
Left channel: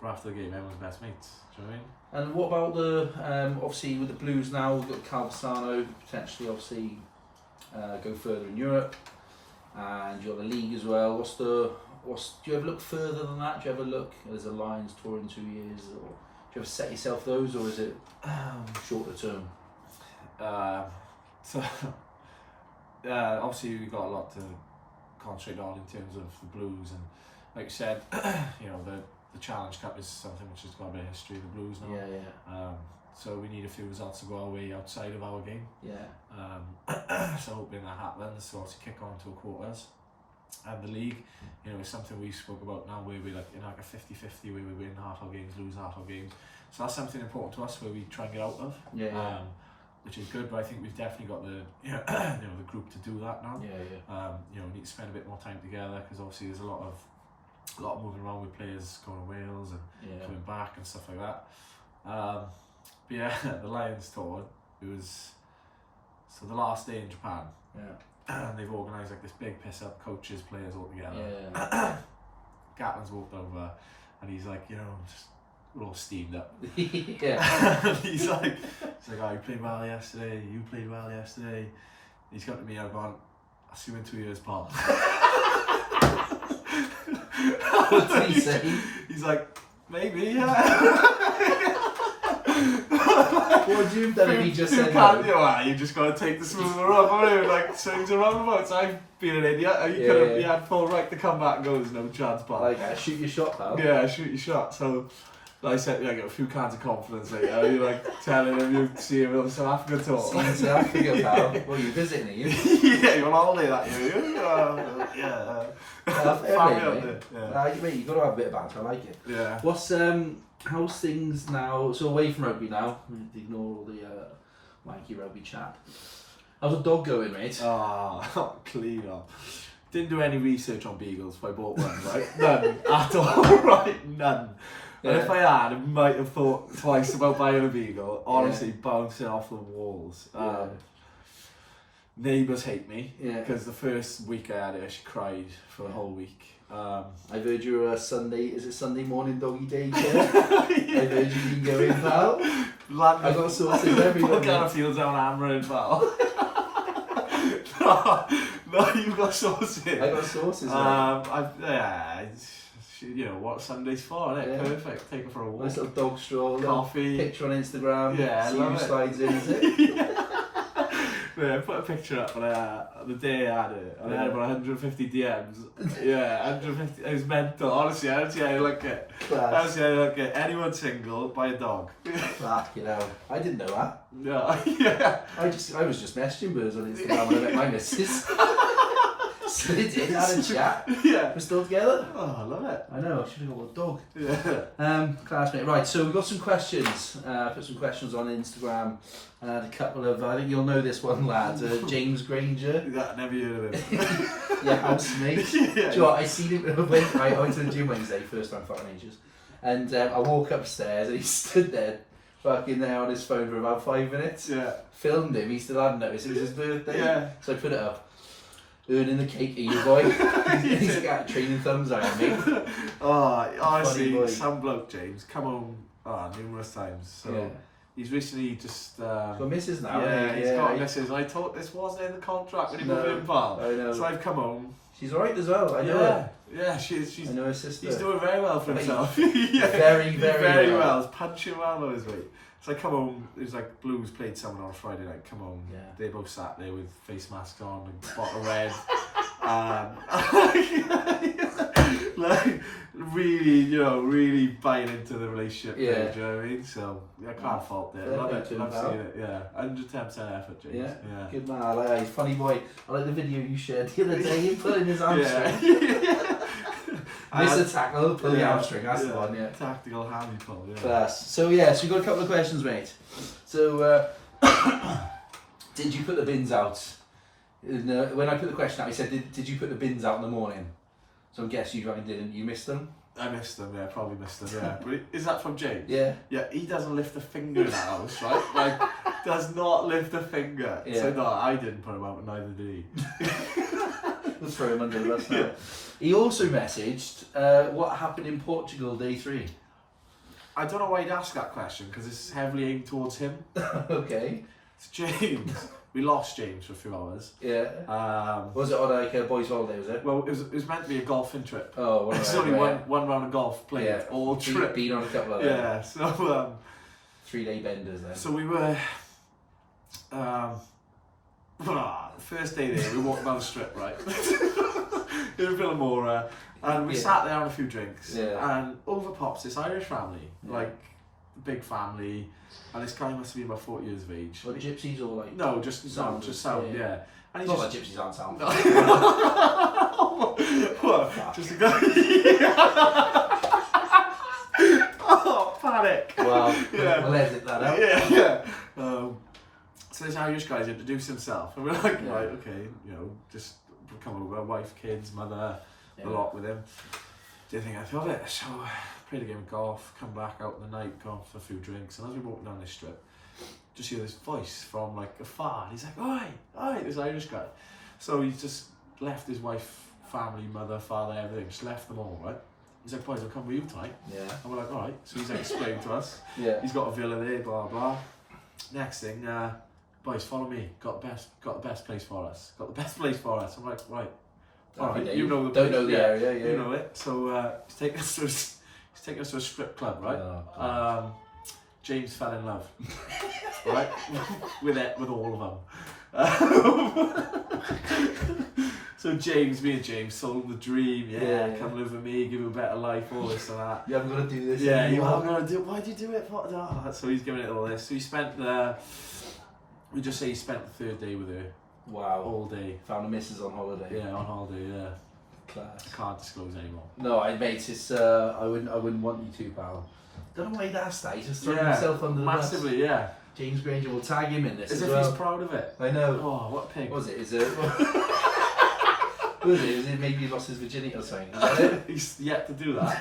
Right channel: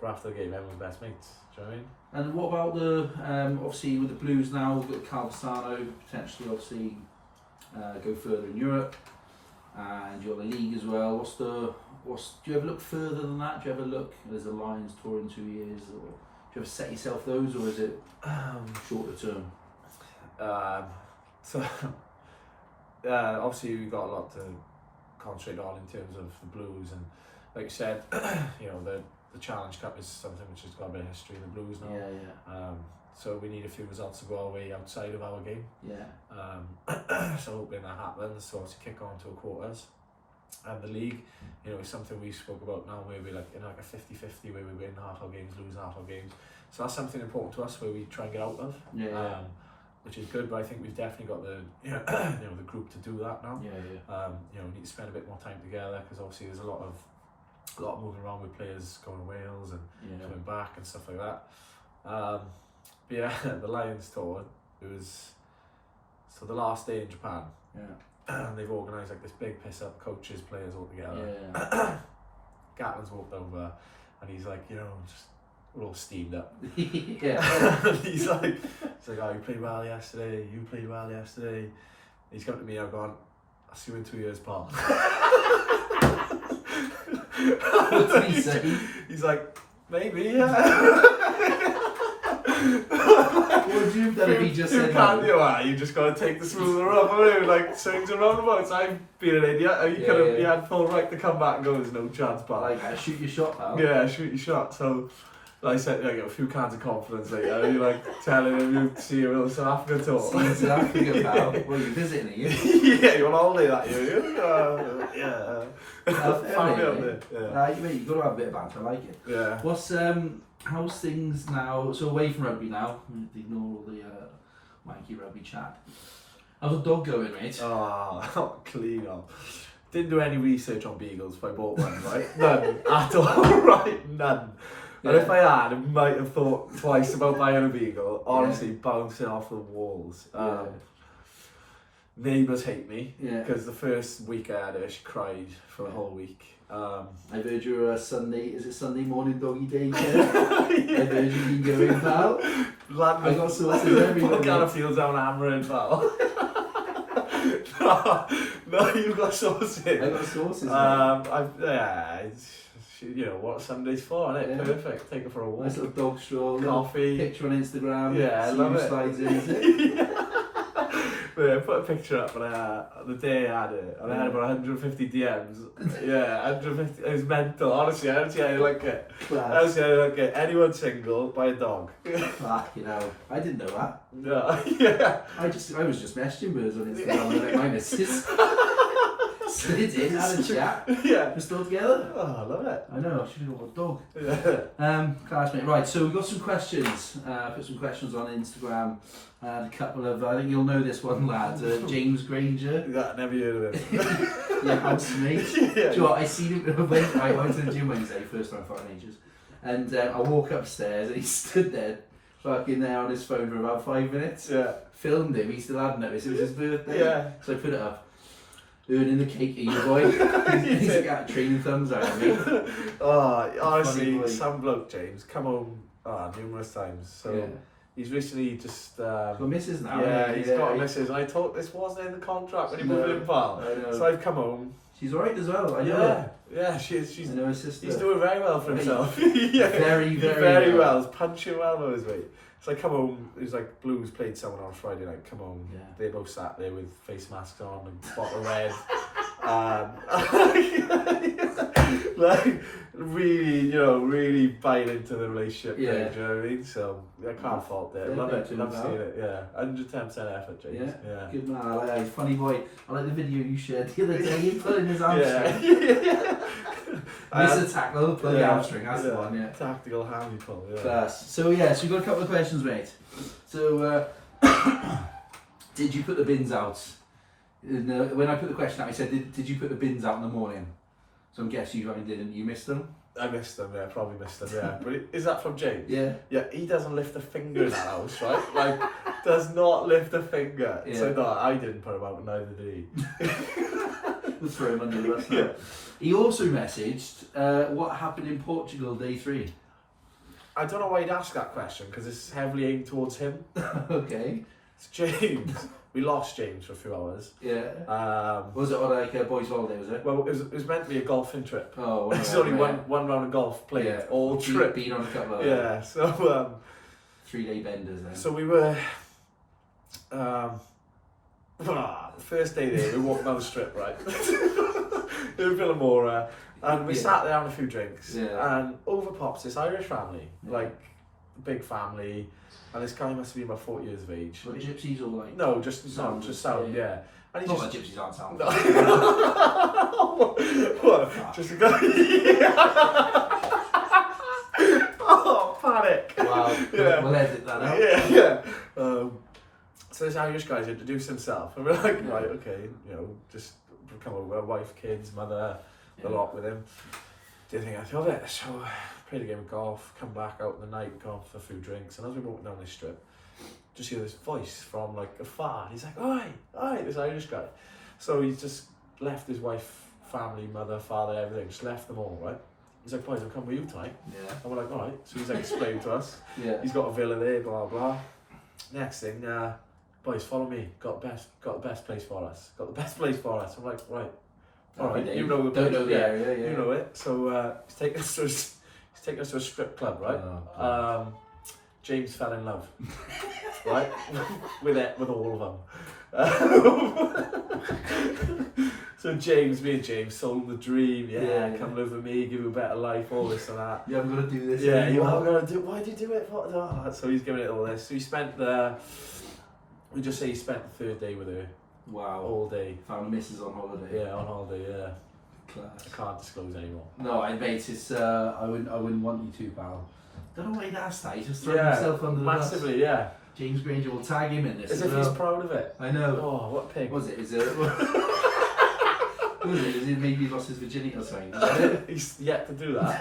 But after the game, everyone's best mates. Do you know what I mean? And what about the obviously with the Blues now? We've got Calvasano potentially, obviously. Go further in Europe, and you're the league as well. Do you ever look further than that? Do you ever look as a Lions tour in 2 years, or do you ever set yourself those, or is it shorter term? So obviously we've got a lot to concentrate on in terms of the Blues, and like you said, you know, the Challenge Cup is something which has got a bit of history in the Blues now. Yeah. So we need a few results to go our way outside of our game. Yeah. So hoping that happens. So obviously kick on to a quarters. And the league, you know, is something we spoke about now where we're like in like a 50-50 where we win half our games, lose half our games. So that's something important to us where we try and get out of. Which is good, but I think we've definitely got the you know the group to do that now. You know, we need to spend a bit more time together because obviously there's a lot of moving around with players going to Wales and coming back and stuff like that. But yeah, the Lions tour, it was so the last day in Japan. And they've organised like this big piss up, coaches, players all together. Gatlin's walked over and he's like, you know, we're all steamed up. And he's like, oh, you played well yesterday, you played well yesterday. He's come to me and I've gone, I'll see you in 2 years, pal. What did he say? He's like, maybe, yeah. What would you have done if he just said no? You just got to take the smoother up, haven't you? Like, swings and roundabouts. I've been an idiot. You had full right to come back and go, there's no chance, pal. Like, shoot your shot, pal. Yeah, shoot your shot. So, like I said, I got a few cans of confidence later. You like telling him you see him on the South Africa tour. See you South Africa, pal. Well, you're visiting, are you? Yeah, you're on holiday that year, Mate, you've got to have a bit of banter, I like it. Yeah. What's how's things now? So away from rugby now, ignore all the wanky rugby chat. How's the dog going, mate? Oh, clean up. Didn't do any research on beagles if I bought one, right? None at all, right? None. And if I had, I might have thought twice about buying a beagle. Honestly, bouncing off the walls. Neighbours hate me because the first week I had her, she cried for a whole week. I've heard you're is it Sunday morning doggy day? I've heard you've been going, pal. I got sauces everywhere. Put Garfields down hammering, pal. no, you've got sauces. I got sauces. You know what Sunday's for, isn't it? Perfect. Take her for a walk. Nice little dog stroll. Coffee. Picture on Instagram. Yeah, I see love who it. Slides in, is it? Yeah, I put a picture up and the day I had it, and I had about 150 DMs. Yeah, 150. It was mental. Honestly, I don't see how you like it. I don't see how you like it. Anyone single, buy a dog. Fuck, you know. I didn't know that. No, yeah. I was just messaging birds on Instagram when I met my missus. So they did, had a chat. Yeah. We're still together. Oh, I love it. I know, I should have got a dog. Yeah. Classmate. Right, so we've got some questions. Put some questions on Instagram. A couple of, I think you'll know this one, lad. James Granger. Yeah, never heard of him. Yeah, housemate. Yeah. Do you know what, I seen him, I went to the gym Wednesday, first time fucking ages. And I walk upstairs and he stood there, fucking there on his phone for about 5 minutes. Yeah. Filmed him, he still hadn't noticed, it was his birthday. Yeah. So I put it up. Earning the cake, you boy. He's got training thumbs out of me. Oh, honestly, boy. some bloke, James, come home numerous times. So Yeah. he's recently just. He's got missus now. Yeah, he's got missus. I thought this wasn't in the contract when he moved in, pal. I know. So I've come home. She's alright as well, I know her. Yeah, she's. I know her sister. He's doing very well for Right. himself. Yeah. Very well. well. He's punching well with his weight. So I come home, it was like Blues played someone on Friday night, come home, Yeah. they both sat there with face masks on and bottle of red. Like, really buying into the relationship. Yeah. There, do you know what I mean? So I can't fault it. Yeah, Love it. fair Love to seeing it. Yeah. 110% effort, James. Yeah. Good man, I like him. Funny boy. I like the video you shared the other day, him pulling his hamstring. Yeah. Miss a tackle, pull your hamstring, that's the one, yeah. Tactical handy pull, yeah. Class. So yeah, so you've got a couple of questions, mate. So, did you put the bins out? When I put the question out, I said, did you put the bins out in the morning? So I'm guessing you fucking didn't. You missed them? I missed them, yeah, probably missed them, yeah. But is that from James? Yeah. Yeah, he doesn't lift a finger in the house, right? Like, does not lift a finger. Yeah. So no, I didn't put him out, but neither did he. We'll throw him under the bus now. Yeah. He also messaged, what happened in Portugal day 3? I don't know why he'd ask that question, because it's heavily aimed towards him. Okay. It's James. We lost James for a few hours. Yeah. Was it on like a boys' holiday, was it? Well, it was meant to be a golfing trip. Oh, well, It's only one round of golf played, Yeah. all trip. Been on a couple of Yeah, so 3-day benders then. so we were first day there, we walked down the strip, right? In Villamora, and we sat there having a few drinks, and over pops this Irish family, like big family, and this guy must have been about 40 years of age. What, gypsies or like? No, just sound, yeah. And he Not just like gypsies aren't sound. what? Just a guy. Oh, panic! Wow. Yeah. We'll edit that out. Yeah. So this Irish guy's introduced himself, and we're like, right, okay, just come over, wife, kids, mother, a lot with him. Didn't think I filled it, so played a game of golf, come back out in the night, gone for a few drinks, and as we walked down this strip, just hear this voice from like afar, and he's like, oi, this Irish guy. So he's just left his wife, family, mother, father, everything, just left them all, right? He's like, boys, I'll come with you tonight. Yeah. And we're like, alright. So he's like explaining to us. Yeah. He's got a villa there, blah blah. Next thing, boys, follow me. Got the best place for us. Got the best place for us. I'm like, right. Alright, you know the Don't know the area, yeah. You know it. So he's taking us to a strip club, right? James fell in love, right? with all of them. So me and James sold the dream. Yeah, come live with me, give you a better life, all this and that. You haven't got to do this. Yeah, you haven't got to do. Why do you do it? So he's giving it all this. So he spent we just say he spent the 3rd day with her. Wow. All day. Found a missus on holiday. Yeah, on holiday. Yeah. Class. I can't disclose anymore. No, mate, it's I wouldn't want you to, pal. Don't know why he'd asked that. He's just throwing himself under the bus. Massively, yeah. James Granger will tag him in this As as if well. he's proud of it. I know. Oh, what a pig. Was it? Is it? Was it? Is it maybe he lost his virginity or something? Is that it? He's yet to do that.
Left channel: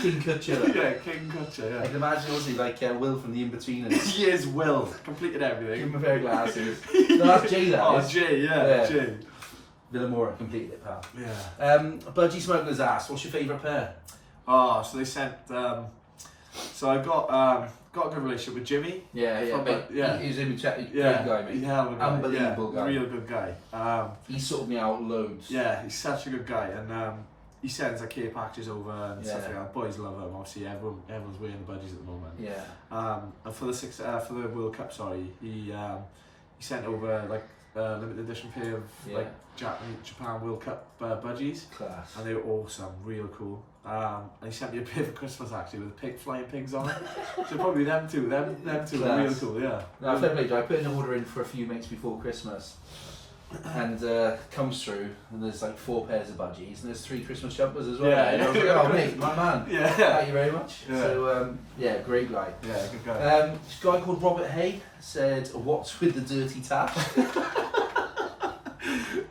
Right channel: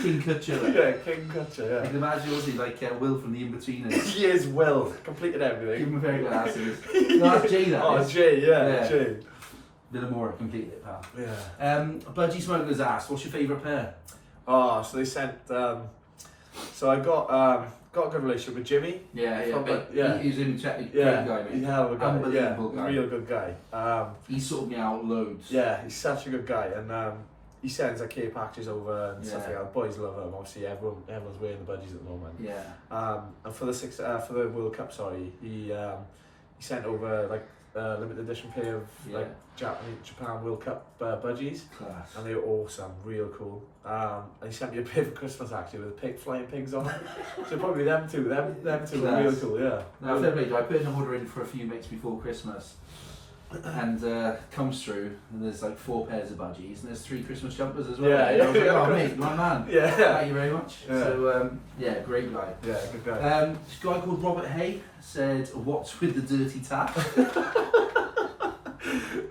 King Kutcher. Yeah, King Kutcher, yeah. I can imagine also like Will from the In-Betweeners. He is Will. Completed everything. Give him a pair of glasses. No, that's Jay, that Oh, is. Jay, yeah. Jay. Villamora completed it, pal. Yeah. Budgie Smuggler's asked, what's your favourite pair? Oh, so they sent. So I got a good relationship with Jimmy. Yeah. He's a great guy, mate. He's a hell of a guy. Unbelievable guy. Real good guy. He sorted me out loads. Yeah, he's such a good guy, and he sends like care packages over and stuff like that. Boys love him. Obviously, everyone's wearing the budgies at the moment. Yeah. And for the World Cup, he sent over like a limited edition pair of like Japan World Cup budgies. Class. And they were awesome, real cool. And he sent me a pair for Christmas actually with flying pigs on it. So probably them two were real cool, yeah. No, fair play. I put an order in for a few mates before Christmas. and comes through, and there's like 4 pairs of budgies, and there's 3 Christmas jumpers as well. Yeah, And I was like, oh mate, my man. Yeah. Thank you very much. Yeah. So yeah, great guy. Yeah, good guy. This guy called Robert Hay said, "What's with the dirty tap?"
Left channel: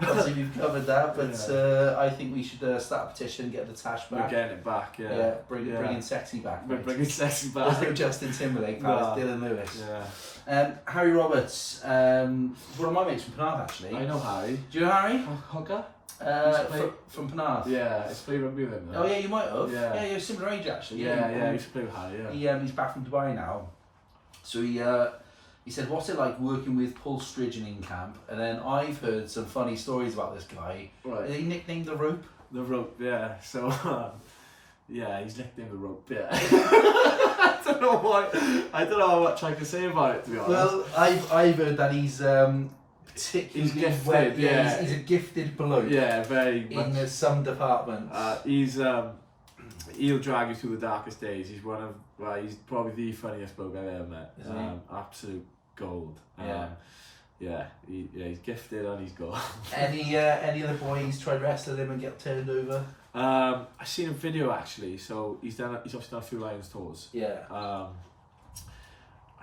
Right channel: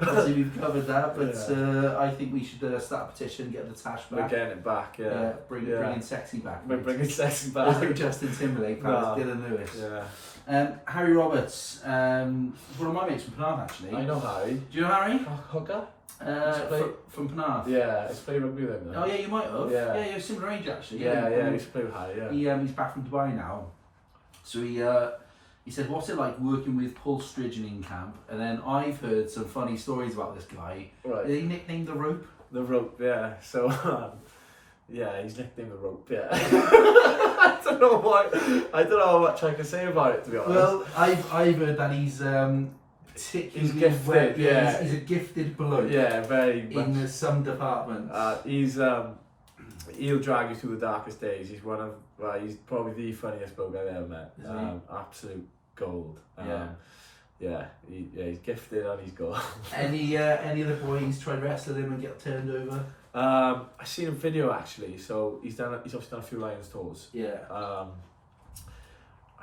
Obviously we've covered that, but I think we should start a petition, get the tash back. We're getting it back, yeah. Bringing sexy back. We're mate. bringing sexy back. There's no Justin Timberlake, pal, No. it's Dillon Lewis. Yeah. Harry Roberts, one of my mates from Penarth actually. I know Harry. Do you know Harry? Hooker? From Penarth. Yeah, he's played rugby with him. Oh yeah, you might have. Yeah. Yeah, you're similar age actually. Yeah, he used to play with Harry, yeah. He's back from Dubai now. So he said, what's it like working with Paul Sturgeon in camp? And then I've heard some funny stories about this guy. Right. He nicknamed the rope. The rope, yeah. So, yeah, he's nicknamed the rope, yeah. I don't know why. I don't know how much I can say about it, to be honest. Well, I've heard that he's particularly He's gifted, well, yeah. He's a gifted bloke. Yeah, very much. In some departments. He'll drag you through the darkest days. He's he's probably the funniest bloke I've ever met. Isn't he? Absolute gold. Yeah. He's gifted and he's gold. Any other boys tried wrestling him and get turned over? I seen a video actually. So he's obviously done a few Lions tours. Yeah. I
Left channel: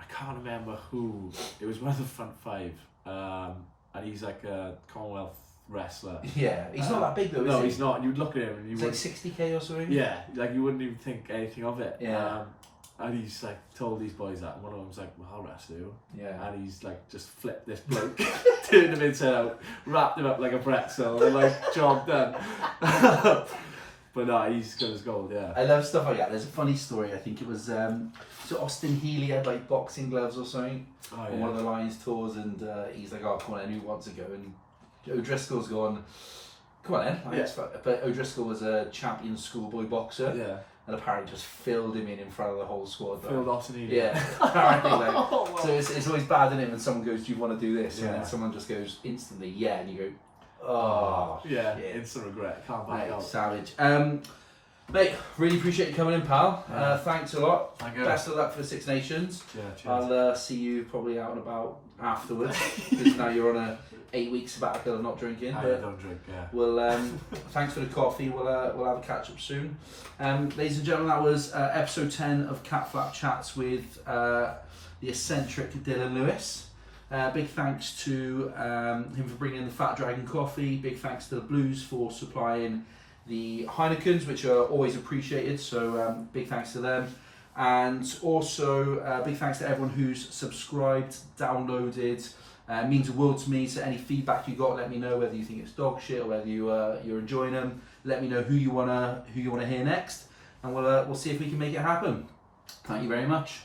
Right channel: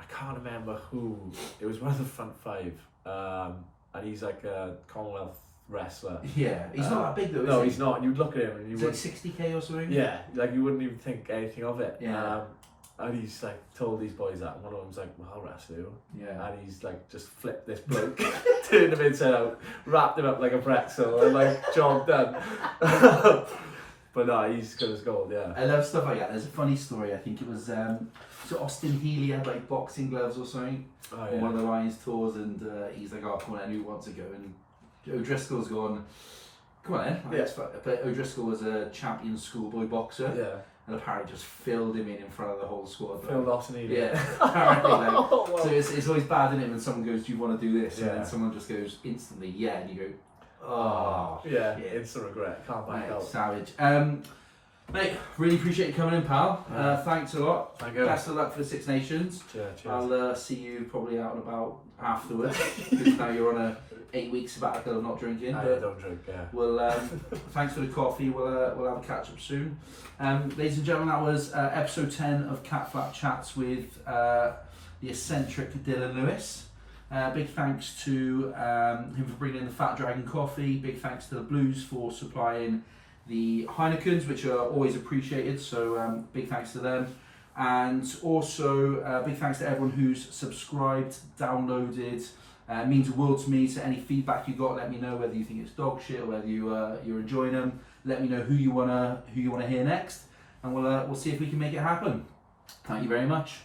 can't remember who. It was one of the front 5. And he's like a Commonwealth wrestler. Yeah, he's not that big though, is No, he? he's not. You'd look at him and you He's like wouldn't. 60k or something? Yeah, like you wouldn't even think anything of it. Yeah. And he's like told these boys that, and one of them's like, well, I'll wrestle you. Yeah. And he's like just flipped this bloke, turned him inside out, wrapped him up like a pretzel, and like, job done. But no, he's good as gold, yeah. I love stuff like that. There's a funny story, I think it was, so Austin Healy had like boxing gloves or something Oh, on one of the Lions tours, and he's like, oh, come on, who wants to go? And O'Driscoll's gone, come on then. Yeah. But O'Driscoll was a champion schoolboy boxer, Yeah. and apparently just filled him in front of the whole squad. Phil Dawson, Yeah, apparently, like, Oh, wow. so it's always bad, isn't it, when someone goes, do you want to do this? And Yeah. then someone just goes instantly, yeah, and you go, oh, yeah, shit. instant regret, can't back Mate, out. savage. Mate, really appreciate you coming in, pal. Thanks a lot. Thank you. Best of luck for the Six Nations. Yeah, cheers. I'll see you probably out and about afterwards, because now you're on a 8-week sabbatical of not drinking. I But don't drink, yeah. we'll thanks for the coffee. We'll have a catch up soon. Ladies and gentlemen, that was episode 10 of Catflap Chats with the eccentric Dillon Lewis. Big thanks to him for bringing in the Fat Dragon coffee. Big thanks to the Blues for supplying the Heinekens, which are always appreciated. So big thanks to them. And also big thanks to everyone who's subscribed, downloaded. Means the world to me. So any feedback you got, let me know, whether you think it's dog shit or whether you're enjoying them. Let me know who you wanna hear next, and we'll see if we can make it happen. Thank you very much.